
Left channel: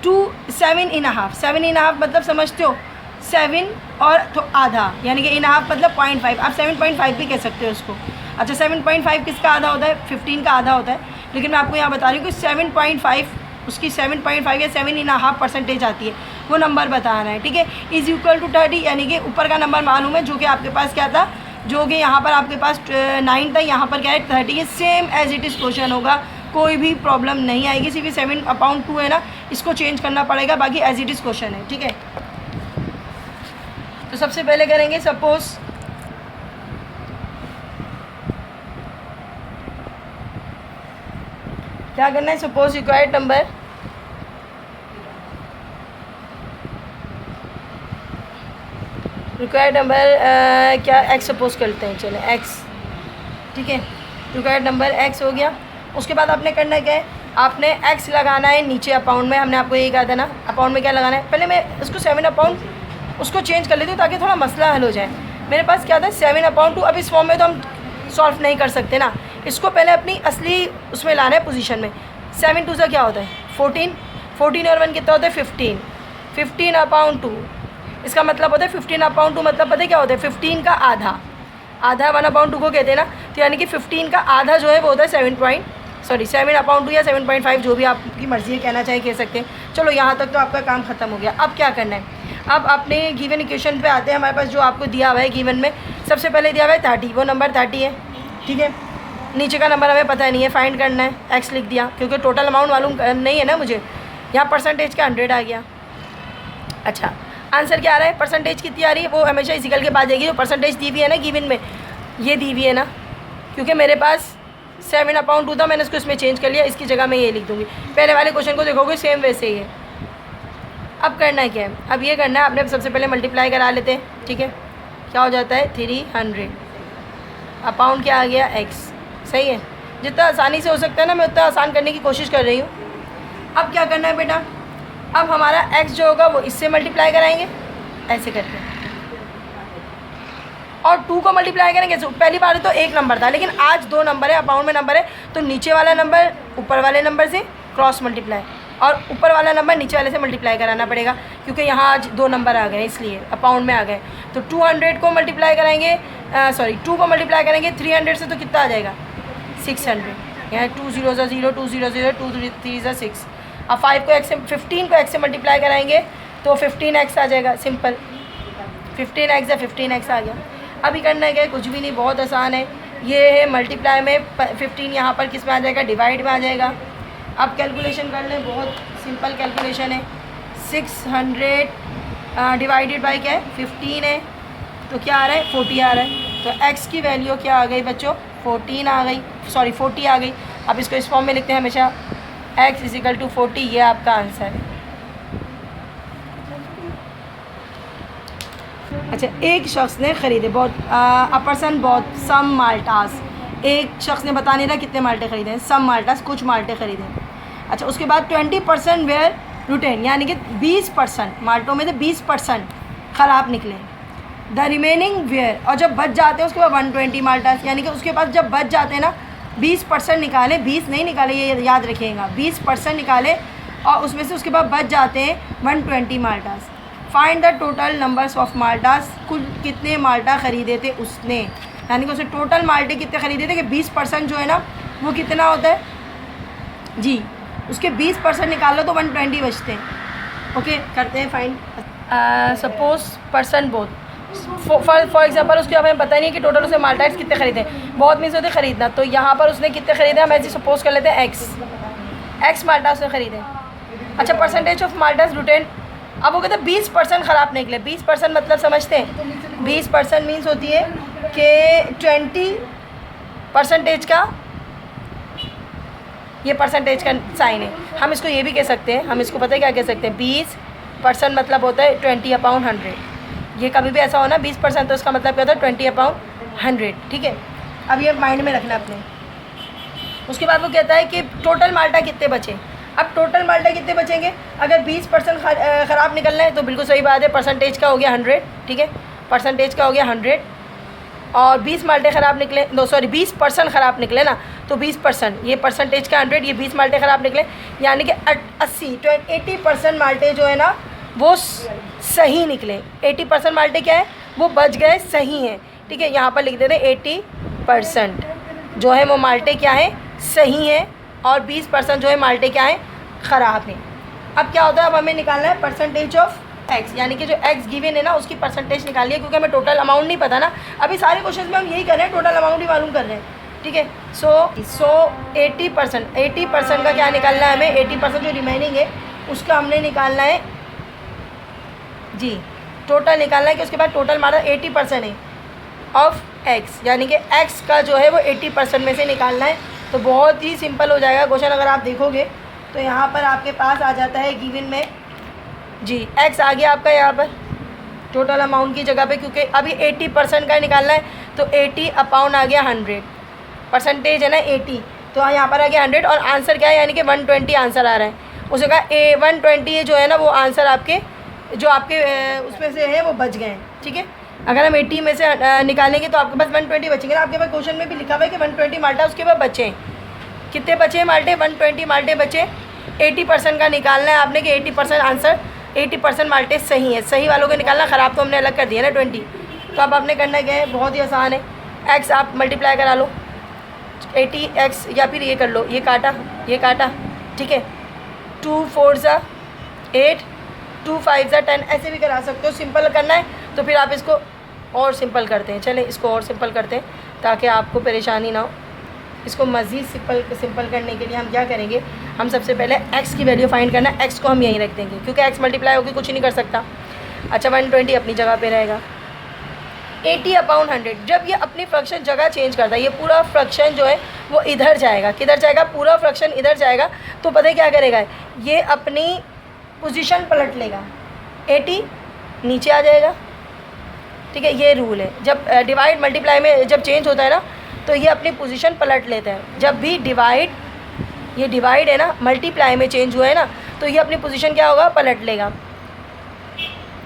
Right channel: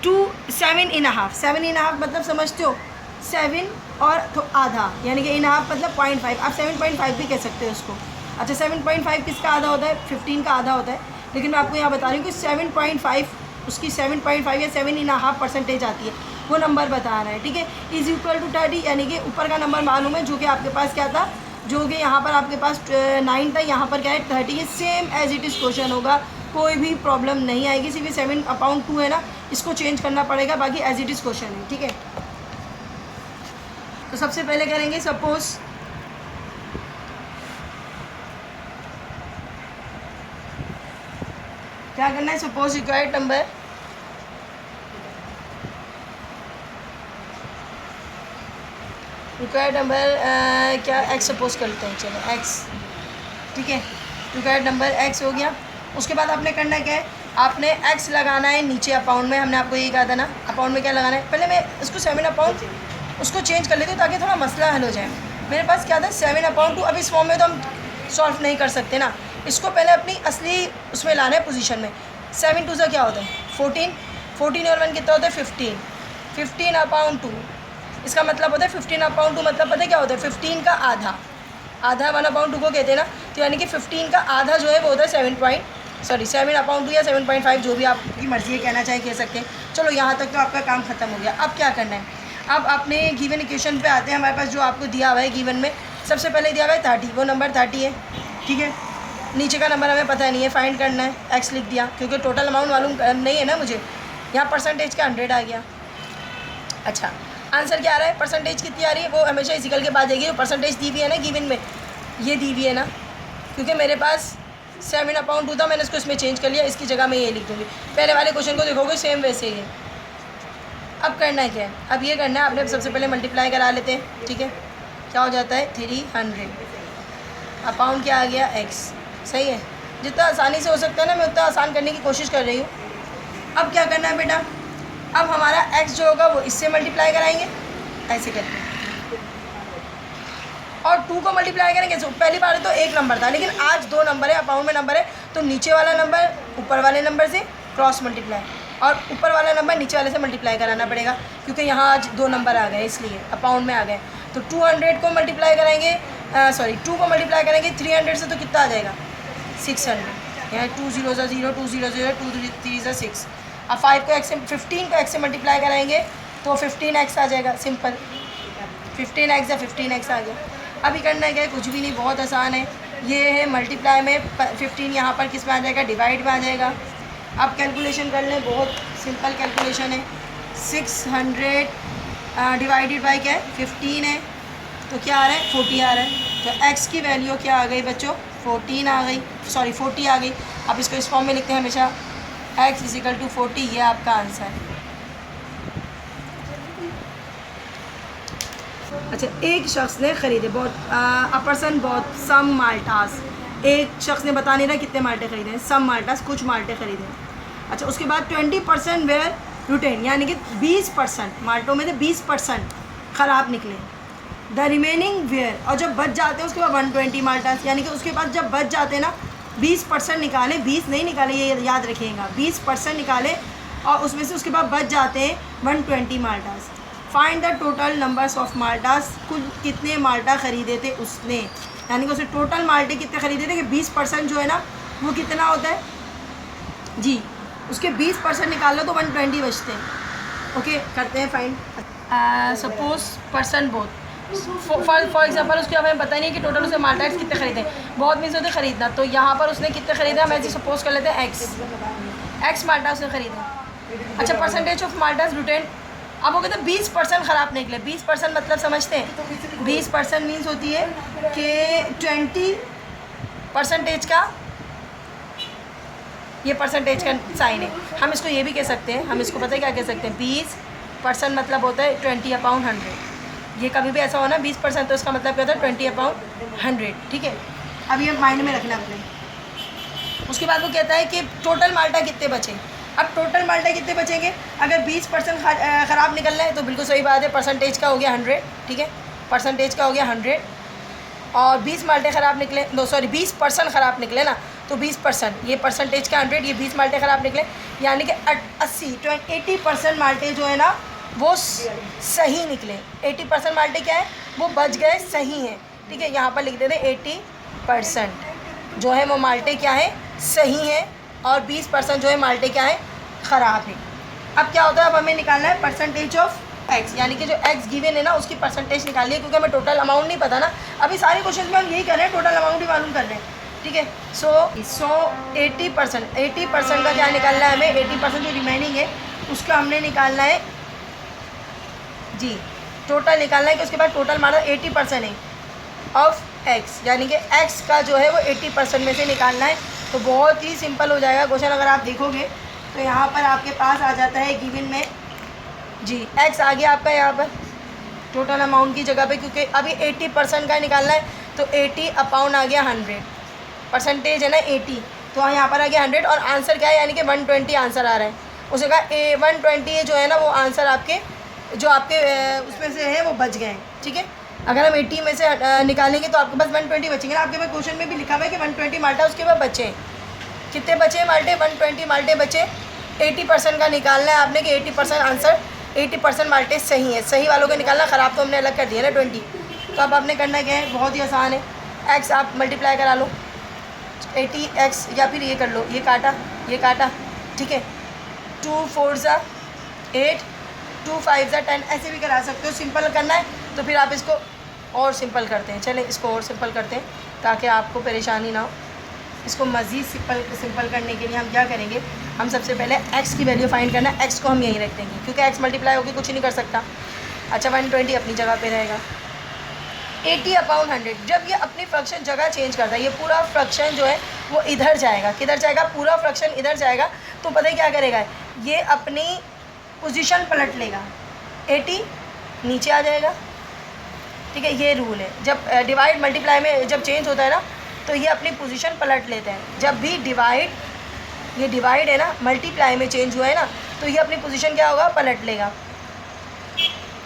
7.5, 7.5 मतलब समझते हो, 7 और तो आधा, यानी कि इनहाफ मतलब 0.5, आप 7.5 भी कह सकते हो उसको। अच्छा, 7.5 किसका आधा होता है, 15 का आधा होता है, लेकिन मैं आपको यहाँ बता रही हूँ कि 7.5 उसकी 7.5 या 7.5 परसेंटेज आती है, वो नंबर बता रहा है, ठीक है। इज़ इक्वल टू 30, यानी कि ऊपर का नंबर मालूम है, जो कि आपके पास क्या था, जो कि यहाँ पर आपके पास 9 था, यहाँ पर क्या है 30 है। Same as it is question होगा, कोई भी प्रॉब्लम नहीं आएगी, सिर्फ 7/2 है ना, इसको चेंज करना पड़ेगा, बाकी एज इट इज़ क्वेश्चन है, ठीक है। तो सबसे पहले करेंगे, सपोज क्या करना है, सपोज रिक्वायर्ड नंबर क्या एक्स सपोज करते हैं, चलो एक्स, ठीक है। रिक्वायर्ड नंबर एक्स हो गया। उसके बाद आपने करना क्या है, आपने एक्स लगाना है नीचे अकाउंट में, हमने आपको यही कहा था ना, अकाउंट में क्या लगाना है। पहले मैं इसको 7/, उसको चेंज कर लेती हूँ ताकि थोड़ा मसला हल हो जाए। मेरे पास क्या था 7/2, अब इस फॉर्म में तो हम सॉल्व नहीं कर सकते ना, इसको पहले अपनी असली उसमें लाना है, पोजीशन में। 7 2 क्या होता है 14, 14 और 1 कितना होता है 15, 15/2, इसका मतलब होता है 15/2, मतलब पता है क्या होता है 15 का आधा, आधा 1/2 को कहते हैं ना, तो यानी कि 15 का आधा जो है वो होता है 7/2 या 7.5, जो भी आपकी मर्ज़ी है, कहना चाहे कह सकते हैं। चलो यहाँ तक तो आपका काम ख़त्म हो गया। अब क्या करना है, अब अपने गिवन इक्वेशन पे आते हैं। हमारे पास जो आपको दिया हुआ है गिवन में, सबसे पहले दिया हुआ है 30, वो नंबर 30 है, ठीक है। नीचे का नंबर हमें पता नहीं है, फाइंड करना है, एक्स लिख दिया, क्योंकि टोटल अमाउंट मालूम नहीं है ना मुझे। यहाँ परसेंटेज का 100 आ गया। अच्छा, आंसर क्या आ रहा है, परसेंटेज कितनी आ रही है, वो हमेशा इक्वल के बाद जाएगी। जो परसेंटेज दी हुई है ना गिवन में, ये दी हुई है ना, क्योंकि मेरे पास 7/2 था, मैंने इसको इसमें चेंज कर लिया, इसकी जगह मैं ये लिख दूँगी। पहले वाले क्वेश्चन को देखोगे सेम वैसे ही है। अब करना है क्या है, अब ये करना है, आपने सबसे पहले मल्टीप्लाई करा लेते हैं, ठीक है। क्या हो जाता है 300, अपाउंड क्या आ गया एक्स, सही है। जितना आसानी से हो सकता है ना, मैं उतना आसान करने की कोशिश कर रही हूँ। अब क्या करना है बेटा, अब हमारा एक्स जो होगा वो इससे मल्टीप्लाई कराएंगे, ऐसे करते हैं, और 2 को मल्टीप्लाई करेंगे। पहली बार तो एक नंबर था, लेकिन आज 2 नंबर है, अपाउंड में नंबर है, तो नीचे वाला नंबर ऊपर वाले नंबर से क्रॉस मल्टीप्लाई, और ऊपर वाला नंबर नीचे वाले से मल्टीप्लाई कराना पड़ेगा, क्योंकि यहाँ आज 2 नंबर आ गए, इसलिए अपाउंड में आ गए। तो 200 को मल्टीप्लाई करेंगे, 2 को मल्टीप्लाई करेंगे 300 से, तो कितना आ जाएगा 600। यहाँ 2 0 0, 2 0 0, 2 3 6। अब 5 को x से 15 को x से मल्टीप्लाई कराएंगे तो 15x आ जाएगा। सिंपल 15x या 15x आ गया। अभी करना है क्या, कुछ भी नहीं, बहुत आसान है। ये है मल्टीप्लाई में 15 यहाँ पर किस में आ जाएगा, डिवाइड में आ जाएगा। अब कैलकुलेशन कर लें, बहुत सिंपल कैलकुलेशन है। 600 डिवाइडेड बाई क्या है, 15 है, तो क्या आ रहा है, 40 आ रहा है। तो x की वैल्यू क्या आ गई बच्चों, 14 आ गई, सॉरी 40 आ गई। अब इसको इस फॉर्म में लिखते हैं हमेशा, x = 40, ये आपका आंसर है। अच्छा, एक शख्स ने ख़रीदे, बहुत अ पर्सन बहुत सम माल्टास, एक शख्स ने बता नहीं रहा कितने माल्टे ख़रीदे, सम माल्टास, कुछ माल्टे ख़रीदे। अच्छा, उसके बाद 20% वेयर रुटेन, यानी कि 20% माल्टों में से 20% ख़राब निकले। द रिमेनिंग वेयर, और जब बच जाते हैं उसके बाद 120 माल्टास, यानी कि उसके पास जब बच जाते हैं ना 20% निकाले, 20 नहीं निकाले, ये याद रखिएगा, 20% निकाले और उसमें से उसके बाद बच जाते हैं 120 maltas. Find the total numbers of maltas, कुल कितने माल्टा ख़रीदे थे उसने, यानी कि उसने टोटल माल्टे कितने ख़रीदे थे कि 20% जो है ना वो कितना होता है जी, उसके 20% निकाल लो तो 120 बचते हैं। ओके, करते हैं find. Suppose person both, for example उसके हमें पता नहीं है कि टोटल उसने माल्टास कितने ख़रीदे, बहुत मीन्स होते खरीदना, तो यहाँ पर उसने कितने ख़रीदे हम ऐसे सपोज कर लेते हैं एक्स माल्टा उसने ख़रीदे। अच्छा, परसेंटेज ऑफ माल्टास रिटेन, अब वो कहते हैं 20% ख़राब निकले। 20% मतलब समझते हैं, 20% मीन्स होती है कि 20% का, ये परसेंटेज का साइन है। हम इसको ये भी कह सकते हैं, हम इसको पता है क्या कह सकते हैं, 20% मतलब होता है 20/100। ये कभी भी ऐसा हो ना 20%, तो इसका मतलब क्या होता है 20/100, ठीक है। अब ये माइंड में रखना अपने। उसके बाद वो कहता है कि टोटल माल्टा कितने बचे। अब टोटल माल्टा कितने बचेंगे, अगर 20% ख़राब निकल रहे हैं तो बिल्कुल सही बात है, परसेंटेज का हो गया 100, ठीक है, परसेंटेज का हो गया 100, और 20 माल्टे ख़राब निकले, 20% ख़राब निकले ना, तो 20%, ये परसेंटेज का 100, ये 20 माल्टे ख़राब निकले, यानी कि 80% माल्टे जो है ना वो सही निकले। 80% माल्टे क्या है, वो बच गए, सही हैं, ठीक है। यहाँ पर लिख देते हैं 80% जो है वो माल्टे क्या है, सही है, और 20% जो है माल्टे क्या है, ख़राब है। अब क्या होता है, अब हमें निकालना है परसेंटेज ऑफ एक्स, यानी कि जो एक्स गिवन है ना उसकी परसेंटेज निकालिए, क्योंकि हमें टोटल अमाउंट नहीं पता ना। अभी सारे क्वेश्चन में हम यही कर रहे हैं, टोटल अमाउंट ही मालूम कर रहे हैं, ठीक है। सो 80% का क्या निकालना है हमें, 80% जो रिमेनिंग है उसका हमने निकालना है जी, टोटल निकालना है कि उसके बाद टोटल हमारा 80% है ऑफ एक्स, यानी कि एक्स का जो है वो 80% में से निकालना है। तो बहुत ही सिंपल हो जाएगा क्वेश्चन, अगर आप देखोगे तो यहाँ पर आपके पास आ जाता है गिवन में जी, एक्स आ गया आपका यहाँ पर टोटल अमाउंट की जगह पे, क्योंकि अभी 80% का निकालना है, तो 80/100 आ गया 100, परसेंटेज है ना 80, तो यहाँ पर आ गया 100, और आंसर क्या है, यानी कि 120 आंसर आ रहा है। उसने कहा 120 जो है ना वो आंसर आपके जो आपके उसमें से है वो बच गए हैं, ठीक है। अगर हम 80 में से निकालेंगे तो आपके पास 120 बचेंगे ना। आपके पास क्वेश्चन में भी लिखा हुआ है कि 120 माल्टा उसके पास बचे, कितने बचे माल्टे, 120 माल्टे बचे। 80% का निकालना है आपने कि 80% आंसर, 80% माल्टे सही है, सही वालों को निकालना, ख़राब तो हमने अलग कर दिया ना 20। तो अब आपने करना क्या है, बहुत ही आसान है, एक्स आप मल्टीप्लाई करा लो 80x, या फिर ये कर लो, ये काटा, ठीक है, 2 4 8, 2 5 10, ऐसे भी करा सकते हो। सिंपल करना है तो फिर आप इसको और सिंपल करते हैं, चलें इसको और सिंपल करते हैं ताकि आपको परेशानी ना हो। इसको मज़ीद सिंपल करने के लिए हम क्या करेंगे, हम सबसे पहले x की वैल्यू फाइंड करना है, x को हम यहीं रख देंगे क्योंकि x मल्टीप्लाई होकर कुछ नहीं कर सकता। अच्छा, 120 अपनी जगह पे रहेगा। 80/100, जब ये अपनी फ्रैक्शन जगह चेंज करता है, ये पूरा फ्रैक्शन जो है वो इधर जाएगा, किधर जाएगा, पूरा फ्रैक्शन इधर जाएगा, तो पता है क्या करेगा, ये अपनी पोजीशन पलट लेगा, 80 नीचे आ जाएगा, ठीक है। ये रूल है, जब डिवाइड मल्टीप्लाई में जब चेंज होता है ना तो ये अपनी पोजीशन पलट लेते हैं। जब भी ये डिवाइड है ना, मल्टीप्लाई में चेंज हुआ है ना, तो ये अपनी पोजीशन क्या होगा, पलट लेगा।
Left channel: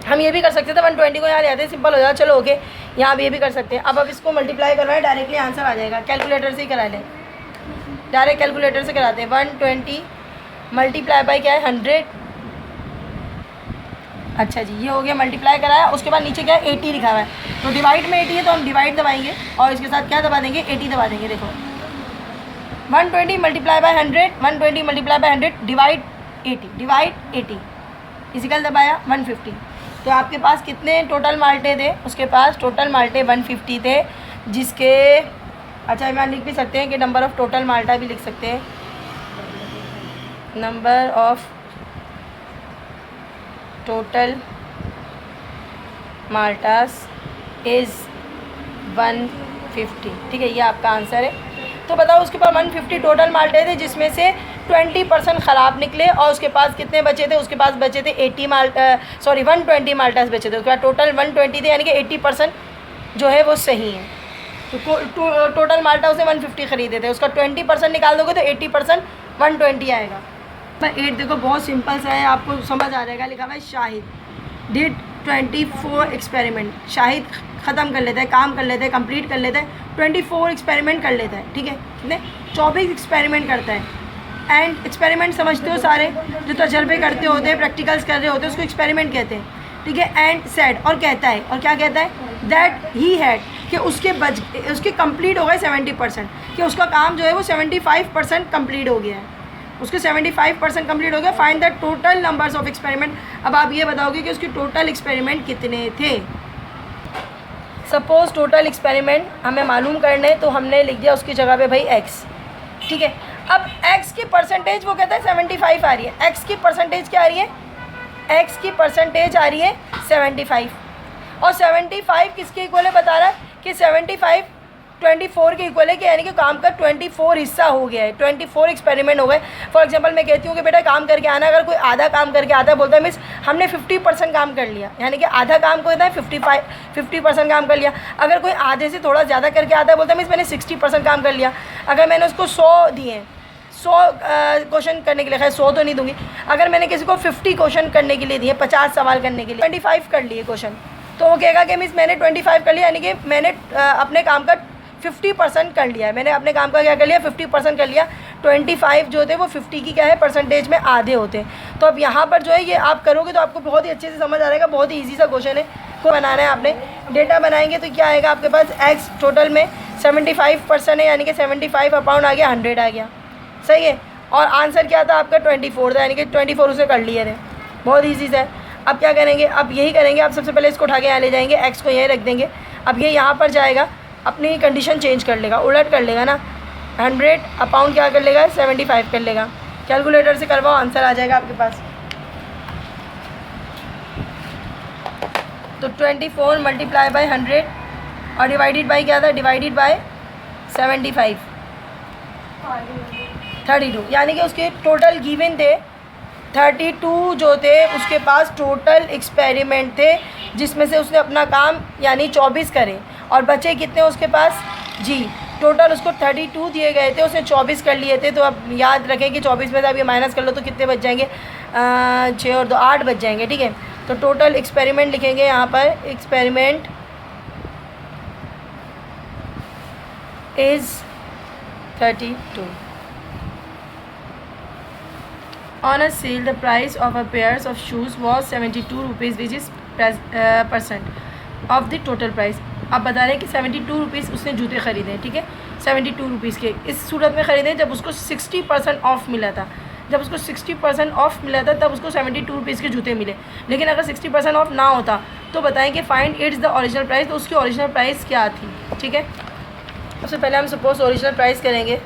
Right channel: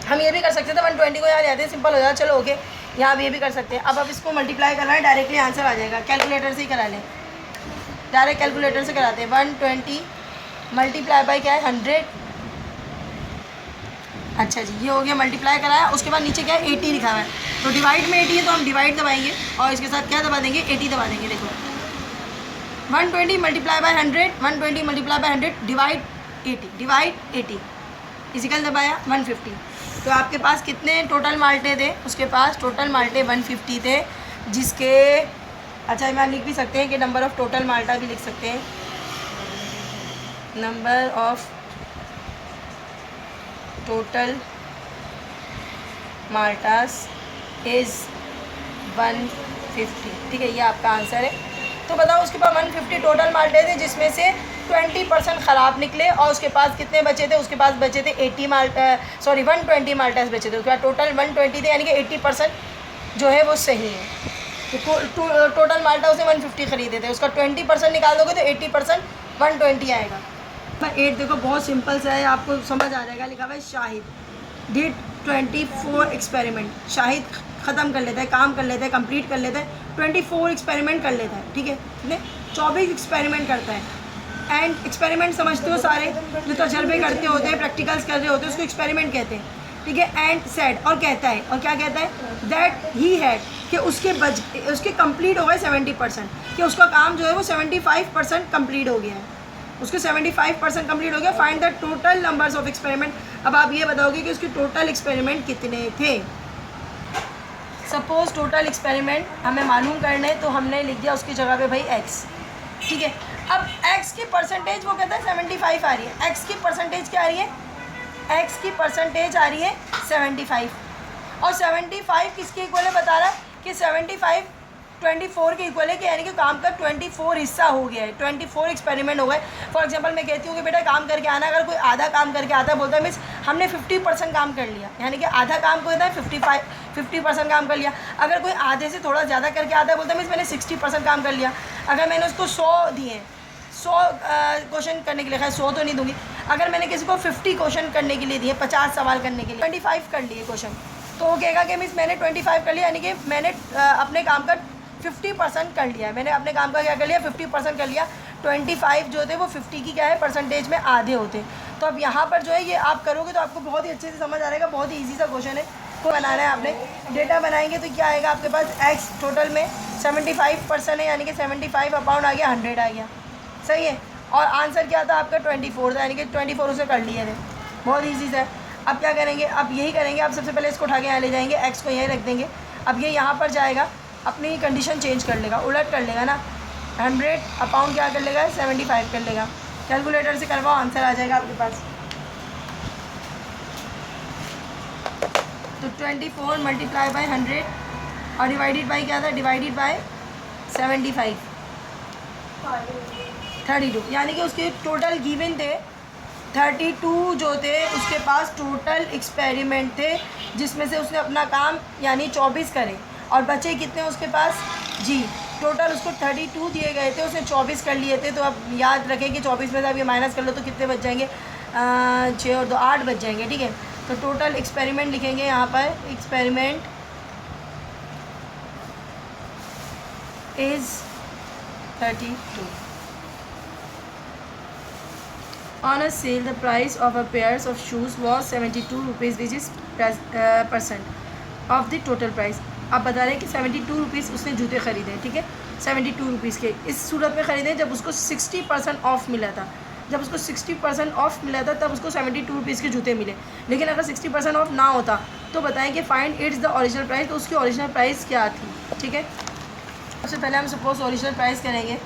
हम ये भी कर सकते थे, 120 को यहाँ ले आते हैं, सिंपल हो जाएगा, चलो ओके, यहाँ भी ये भी कर सकते हैं। अब इसको मल्टीप्लाई करना है, डायरेक्टली आंसर आ जाएगा, कैलकुलेटर से ही करा लें, डायरेक्ट कैलकुलेटर से कराते हैं। 120 मल्टीप्लाई बाई क्या है, 100। अच्छा जी, ये हो गया, मल्टीप्लाई कराया, उसके बाद नीचे क्या है, 80 लिखा हुआ है, तो डिवाइड में 80 है तो हम डिवाइड दबाएंगे और इसके साथ क्या दबा देंगे, 80 दबा देंगे। देखो 120 multiply by 100, 120 multiply by 100 divide 80 physical दबाया 150। तो आपके पास कितने टोटल माल्टे थे? उसके पास टोटल माल्टे 150 थे, जिसके अच्छा मैं लिख भी सकते हैं कि नंबर ऑफ़ टोटल माल्टा भी लिख सकते हैं, नंबर ऑफ टोटल माल्टास इज़ 150। ठीक है, ये आपका आंसर है। तो बताओ उसके पास 150 टोटल माल्टे थे, जिसमें से 20% ख़राब निकले, और उसके पास कितने बचे थे? उसके पास बचे थे 120 माल्टास बचे थे। उसके बाद टोटल 120 थे, यानी कि 80% जो है वो सही है। तो टोटल माल्टा उसे 150 ख़रीदे थे, उसका 20% निकाल दोगे तो 80% 120 आएगा। पर 8 देखो बहुत सिंपल सा है, आपको समझ आ जाएगा। लिखा हुआ है शाहिद डिड 24 एक्सपेरिमेंट। शाहिद ख़त्म कर लेता है, काम कर लेता है, कंप्लीट कर लेता है, 24 एक्सपेरिमेंट कर लेता है। ठीक है, कितने? 24 एक्सपेरिमेंट करता है। एंड एक्सपेरिमेंट समझते हो सारे, जो तजर्बे करते होते हैं, प्रैक्टिकल्स कर रहे होते हैं, उसको एक्सपेरिमेंट कहते हैं। ठीक है, एंड सेड, और कहता है, और क्या कहता है? दैट ही हैड, कि उसके कंप्लीट हो गए 70%, कि उसका काम जो है वो 75% कंप्लीट हो गया है, उसके 75% कंप्लीट हो गया। Find the total numbers of experiment. अब आप ये बताओगे कि उसके टोटल एक्सपेरिमेंट कितने थे। सपोज टोटल एक्सपेरिमेंट हमें मालूम करने, तो हमने लिख दिया उसकी जगह पे भाई x। ठीक है, अब x की परसेंटेज वो कहता है 75 आ रही है। x की परसेंटेज क्या आ रही है? x की परसेंटेज आ रही है 75, और 75 किसके इक्वल है बता रहा है कि 75 24 के इक्वल है, कि यानी कि काम का 24 हिस्सा हो गया है, 24 एक्सपेरिमेंट हो गए। फॉर एग्जांपल मैं कहती हूँ कि बेटा काम करके आना, अगर कोई आधा काम करके आता है, बोलता है मिस हमने 50% काम कर लिया, यानी कि आधा काम को होता है 50% काम कर लिया। अगर कोई आधे से थोड़ा ज़्यादा करके आता है, बोलता है मिस मैंने 60% काम कर लिया। अगर मैंने उसको 100 दिए, 100 क्वेश्चन करने के लिए, खैर 100 तो नहीं दूंगी, अगर मैंने किसी को 50 क्वेश्चन करने के लिए दिए, 50 सवाल करने के लिए, 25 कर लिए क्वेश्चन, तो वो कहेगा कि मिस मैंने 25 कर लिया, यानी कि मैंने अपने काम का 50% कर लिया है। मैंने अपने काम का क्या कर लिया? 50% कर लिया। 25 जो होते हैं वो 50 की क्या है परसेंटेज में आधे होते हैं। तो अब यहाँ पर जो है ये आप करोगे तो आपको बहुत ही अच्छे से समझ आ जाएगा। बहुत ही ईजी सा क्वेश्चन है, को बनाना है आपने। डेटा बनाएंगे तो क्या आएगा आपके पास? एक्स टोटल में 75% है, यानी कि 75 अपॉन आ गया 100 आ गया, सही है। और आंसर क्या था आपका? 24 था, यानी कि 24 उसे कर लिया ने। बहुत ईजी सा है। अब क्या करेंगे? अब यही करेंगे, आप सबसे पहले इसको उठा के यहाँ ले जाएंगे, एक्स को यहीं रख देंगे। अब ये यहाँ पर जाएगा, अपनी कंडीशन चेंज कर लेगा, उलट कर लेगा ना, 100 अपॉन क्या कर लेगा? 75 कर लेगा। कैलकुलेटर से करवाओ, आंसर आ जाएगा आपके पास। तो 24 मल्टीप्लाई बाय 100 और डिवाइडेड बाय क्या था? डिवाइडेड बाय 75, 32, यानी कि उसके टोटल गिवन थे 32 जो थे उसके पास टोटल एक्सपेरिमेंट थे, जिसमें से उसने अपना काम यानी 24 करे, और बचे कितने उसके पास? जी, टोटल उसको 32 दिए गए थे, उसने 24 कर लिए थे। तो अब याद रखें कि 24 में से आप ये माइनस कर लो तो कितने बच जाएंगे? 6 और 2 8 बच जाएंगे। ठीक है, तो टोटल एक्सपेरिमेंट लिखेंगे यहाँ पर, experiment is 32। On a sale, the price of a pair of shoes was 72 rupees, which is % of the total price. आप बता रहे हैं कि 72 रुपीज़ उसने जूते ख़रीदे, ठीक है, 72 रुपीज़ के। इस सूरत में ख़रीदे जब उसको 60% ऑफ़ मिला था। जब उसको 60% ऑफ़ मिला था तब उसको 72 रुपीज़ के जूते मिले। लेकिन अगर 60% ऑफ़ ना होता तो बताएं कि find its the original price, तो उसकी ओरिजिनल प्राइस क्या थी। ठीक है, सबसे पहले हम सपोज ओरिजिनल प्राइस करेंगे।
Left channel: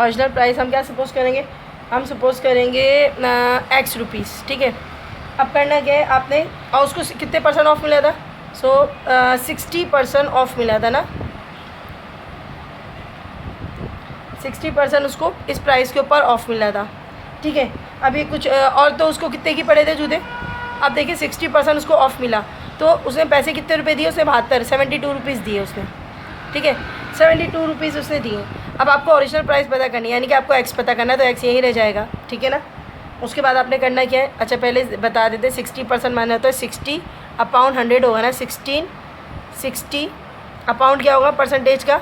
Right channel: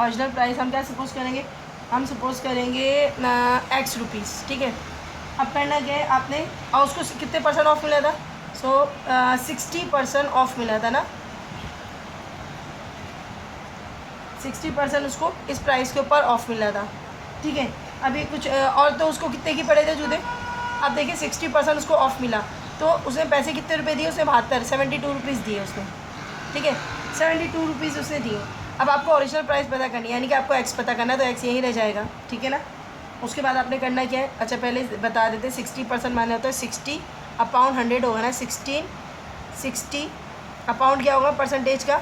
ओरिजिनल प्राइस हम क्या सपोज़ करेंगे? हम सपोज़ करेंगे एक्स रुपीज़। ठीक है, अब करना क्या है आपने? और उसको कितने % ऑफ मिला था? 60% ऑफ मिला था ना, 60% उसको इस प्राइस के ऊपर ऑफ मिला था। ठीक है, अभी कुछ और, तो उसको कितने की पड़े थे जूते? अब देखिए 60% उसको ऑफ मिला, तो उसने पैसे कितने रुपए दिए? उसने 72 रुपीज़ दिए उसने। ठीक है, 72 रुपीज़ उसने दिए। अब आपको ओरिजिनल प्राइस पता करनी है, यानी कि आपको एक्स पता करना है, तो एक्स यहीं रह जाएगा। ठीक है ना, उसके बाद आपने करना क्या है? अच्छा पहले बता देते, 60% माना होता है 60 अपॉन 100 होगा ना, 60 अपॉन क्या होगा परसेंटेज का?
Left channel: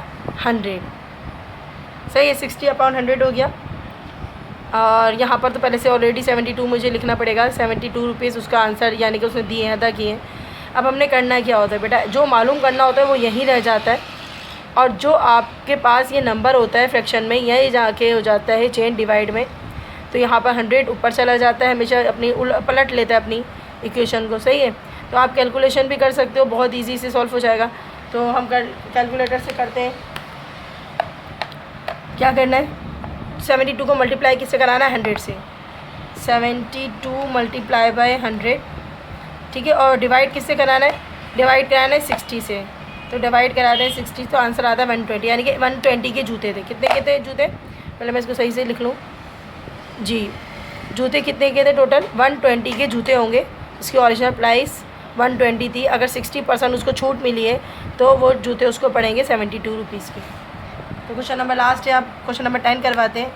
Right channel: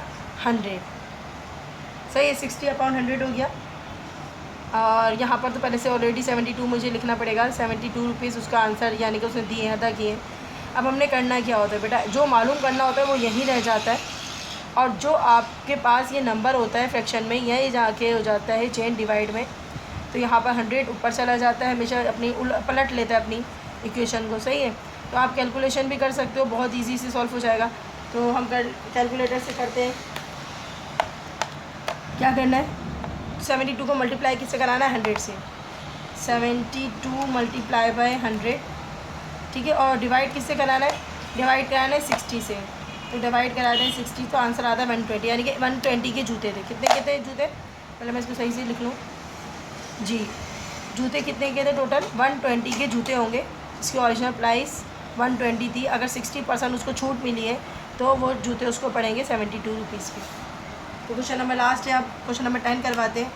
100, सही है, 60 अपॉन 100 हो गया। और यहाँ पर तो पहले से ऑलरेडी 72 मुझे लिखना पड़ेगा, 72 रुपीज़ उसका आंसर यानी कि उसने दिए हैं, अदा किए हैं। अब हमने करना क्या होता है बेटा, जो मालूम करना होता है वो यहीं रह जाता है, और जो आपके पास ये नंबर होता है फ्रैक्शन में, यही जाके हो जाता है चेन डिवाइड में। तो यहाँ पर 100 ऊपर चला जाता है, हमेशा अपनी पलट लेता है अपनी इक्वेशन को, सही है। तो आप कैलकुलेशन भी कर सकते हो, बहुत ईजी से सॉल्व हो जाएगा। तो हम कैलकुलेटर से करते हैं। क्या करना है, 72 को मल्टीप्लाई किससे कराना है, 100 से। 72 मल्टीप्लाई बाय 100, ठीक है। और डिवाइड किससे कराना है, डिवाइड कराना है 60 से। तो डिवाइड कराते हैं 60, तो आंसर आता है 120, यानी कि 120 के जूते थे। कितने जूते, पहले मैं इसको सही से लिख लूँ जी। जूते कितने के थे टोटल, 120 के जूते होंगे। इसकी ओरिजिनल प्राइस 120 थी, अगर 60% उसको छूट मिली है तो वो जूते उसको पड़ेंगे 72 रुपीज़ के। तो क्वेश्चन नंबर लास्ट है, आप क्वेश्चन नंबर 10 करवाते हैं।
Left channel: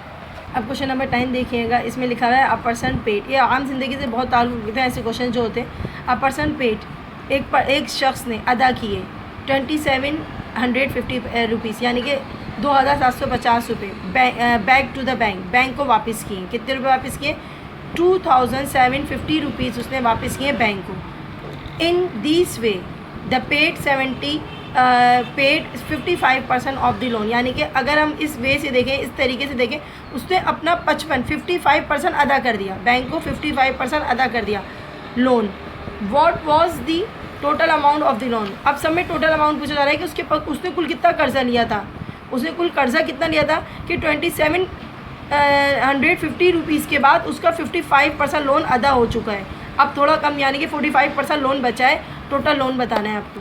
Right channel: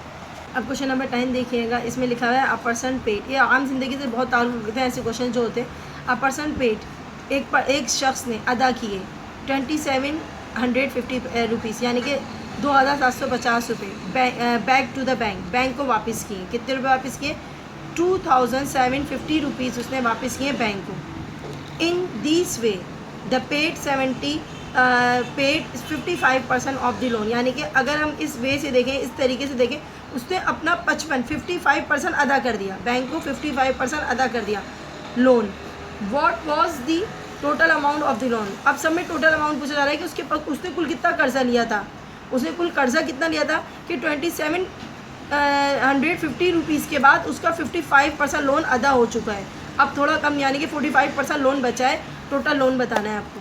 अब क्वेश्चन नंबर 10 देखिएगा, इसमें लिखा हुआ है अ पर्सन पेड। ये आम जिंदगी से बहुत ताल्लुक़ रखते हैं ऐसे क्वेश्चन जो होते हैं। अ पर्सन पेड, एक शख्स ने अदा किए 2750 रुपीज़, यानी कि 2750 रुपये बैक टू द बैंक को वापस किए। कितने रुपये वापस किए, 2750 रुपीज़ उसने वापस किए बैंक को। In this way the paid 55% of the loan, यानी कि अगर हम इस वे से देखें, इस तरीके से देखें, उसने अपना 55% अदा कर दिया, बैंक को 55% अदा कर दिया loan. What was the total amount of the loan. अब सब में टोटल अमाउंट पूछा जा रहा है कि उसने कुल कितना कर्जा लिया था। उसने कुल कर्जा कितना लिया था कि 2750 रुपीज़ के बाद उसका 55% लोन अदा हो चुका है। अब थोड़ा कम यानी कि 45% लोन बचा है, टोटल लोन बताना है आपको।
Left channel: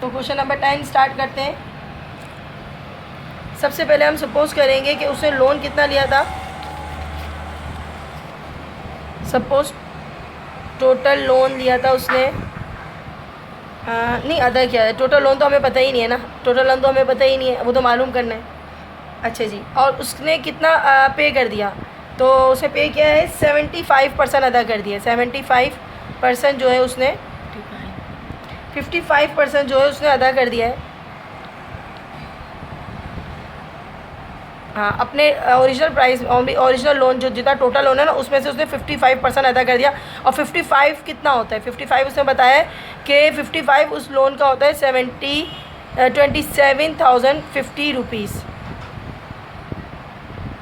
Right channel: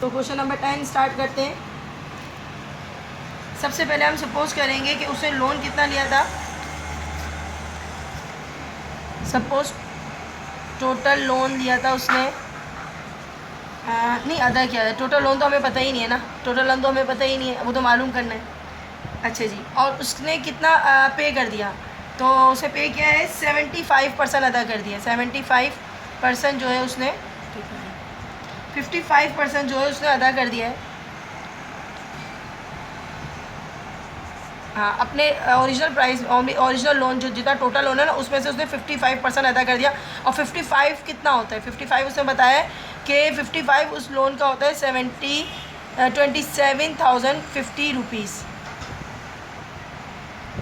तो क्वेश्चन नंबर 10 स्टार्ट करते हैं। सबसे पहले हम सपोज करेंगे कि उसने लोन कितना लिया था। सपोज टोटल लोन लिया था उसने, नहीं अदा किया है। टोटल लोन तो हमें पता ही नहीं है ना, टोटल लोन तो हमें पता ही नहीं है, वो तो मालूम करना है। अच्छा जी, और उसने कितना पे कर दिया, तो उसे पे किया है 75% अदा कर दिया। 75% जो है उसने 55% जो है उसने अदा कर दिया है। हाँ, अपने ओरिजिनल प्राइस ओरिजिनल लोन जो जितना टोटल लोन है ना, उसमें से उसने 55% अदा कर दिया। और 55 कितना होता है, 55 उसने बताया कि 55 उस लोन का होता है 27,050 रुपीज़,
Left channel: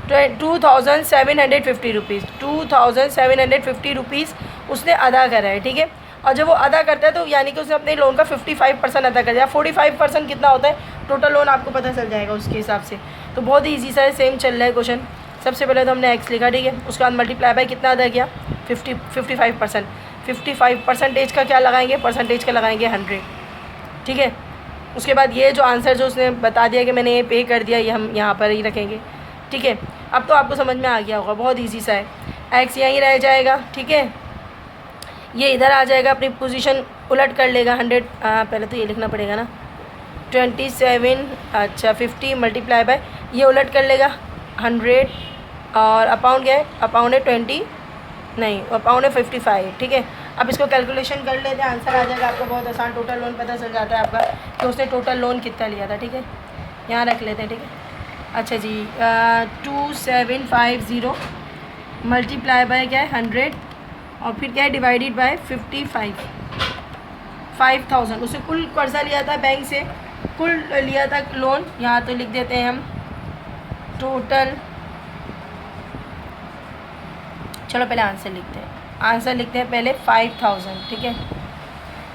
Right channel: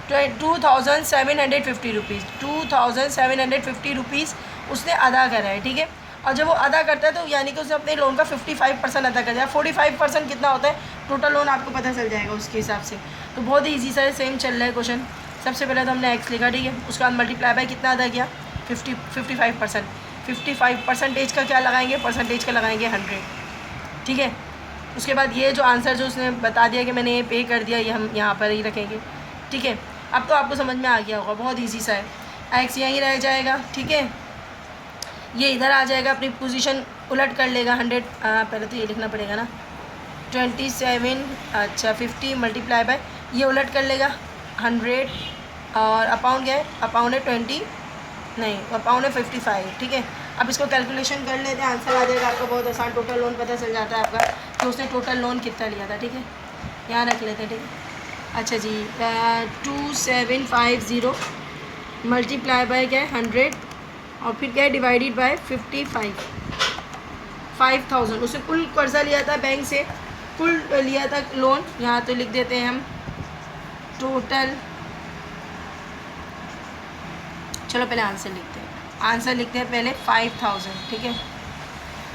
2750 रुपीज़, 2750 रुपीज़ उसने अदा करा है, ठीक है। और जब वो अदा करता है तो यानी कि उसने अपने लोन का 55% अदा कर दिया। 45% कितना होता है टोटल लोन, आपको पता चल जाएगा उसके हिसाब से। तो बहुत ही ईजी सा सेम चल रहा है क्वेश्चन। सबसे पहले तो हमने एक्स लिखा, ठीक है। उसके बाद मल्टीप्लाई बाय कितना अदा किया, 55%। 55% का क्या लगाएंगे, परसेंटेज का लगाएंगे 100, ठीक है। उसके बाद ये जो आंसर जो उसने बता दिया कि मैंने ये पे कर दिया, ये हम यहाँ पर ही रखेंगे, ठीक है। अब तो आपको समझ में आ गया होगा, बहुत ईजी सा है। एक्स यहीं रह जाएगा, ठीक है। ये इधर आ जाएगा, अपनी पोजीशन उलट कर लेगा 100। पहले तो ये लिखना पड़ेगा ना, 27 अच्छा 50 मल्टीप्लाई बाय, ये उलट कर लेगा 100, और अपाउंड क्या है, अपाउंड है 20 नहीं, अपाउंड है 55, ठीक है। अब इसको कैलकुलेशन कर लेते हैं, आंसर आ जाएगा आपका बहुत आसान। टोटल लोन पता चल जाता है आपका कि उसने टोटल लोन कितना लिया था, ठीक है। यहाँ रख लेते हैं, ठीक है। अच्छा जी, 2750 मल्टीप्लाई बाय क्या है 100, और फिर क्या है डिवाइडेड बाय 5000। उसे कुल कर्जा लिया था बैंक से, कुल लिया था लोन। यहाँ तो लिख देते हैं हम टोटल, चलो पहले आंसर लिखते हैं। आंसर लिखते हैं पहले 5000, ठीक है।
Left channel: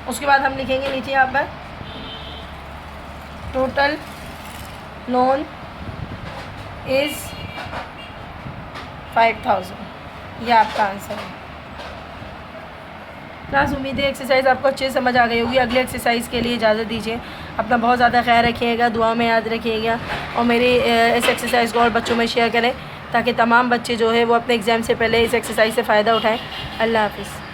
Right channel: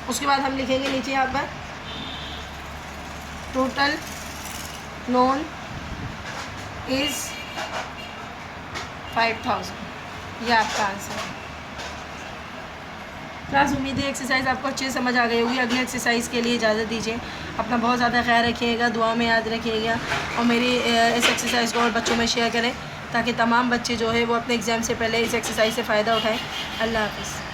उसके बाद हम लिखेंगे नीचे यहाँ पर टोटल लोन इज़ 5000, ये आपका आंसर है। क्लास उम्मीद है एक्सरसाइज आपको अच्छे से समझ आ गई होगी। अगले एक्सरसाइज के लिए इजाज़त दीजिए। अपना बहुत ज़्यादा ख्याल रखिएगा, दुआ में याद रखिएगा, और मेरी इस एक्सरसाइज को और बच्चों में शेयर करें ताकि तमाम बच्चे जो है वो अपने एग्ज़ाम से पहले इस एक्सरसाइज से फ़ायदा उठाएं। अल्लाह हाफ़िज़।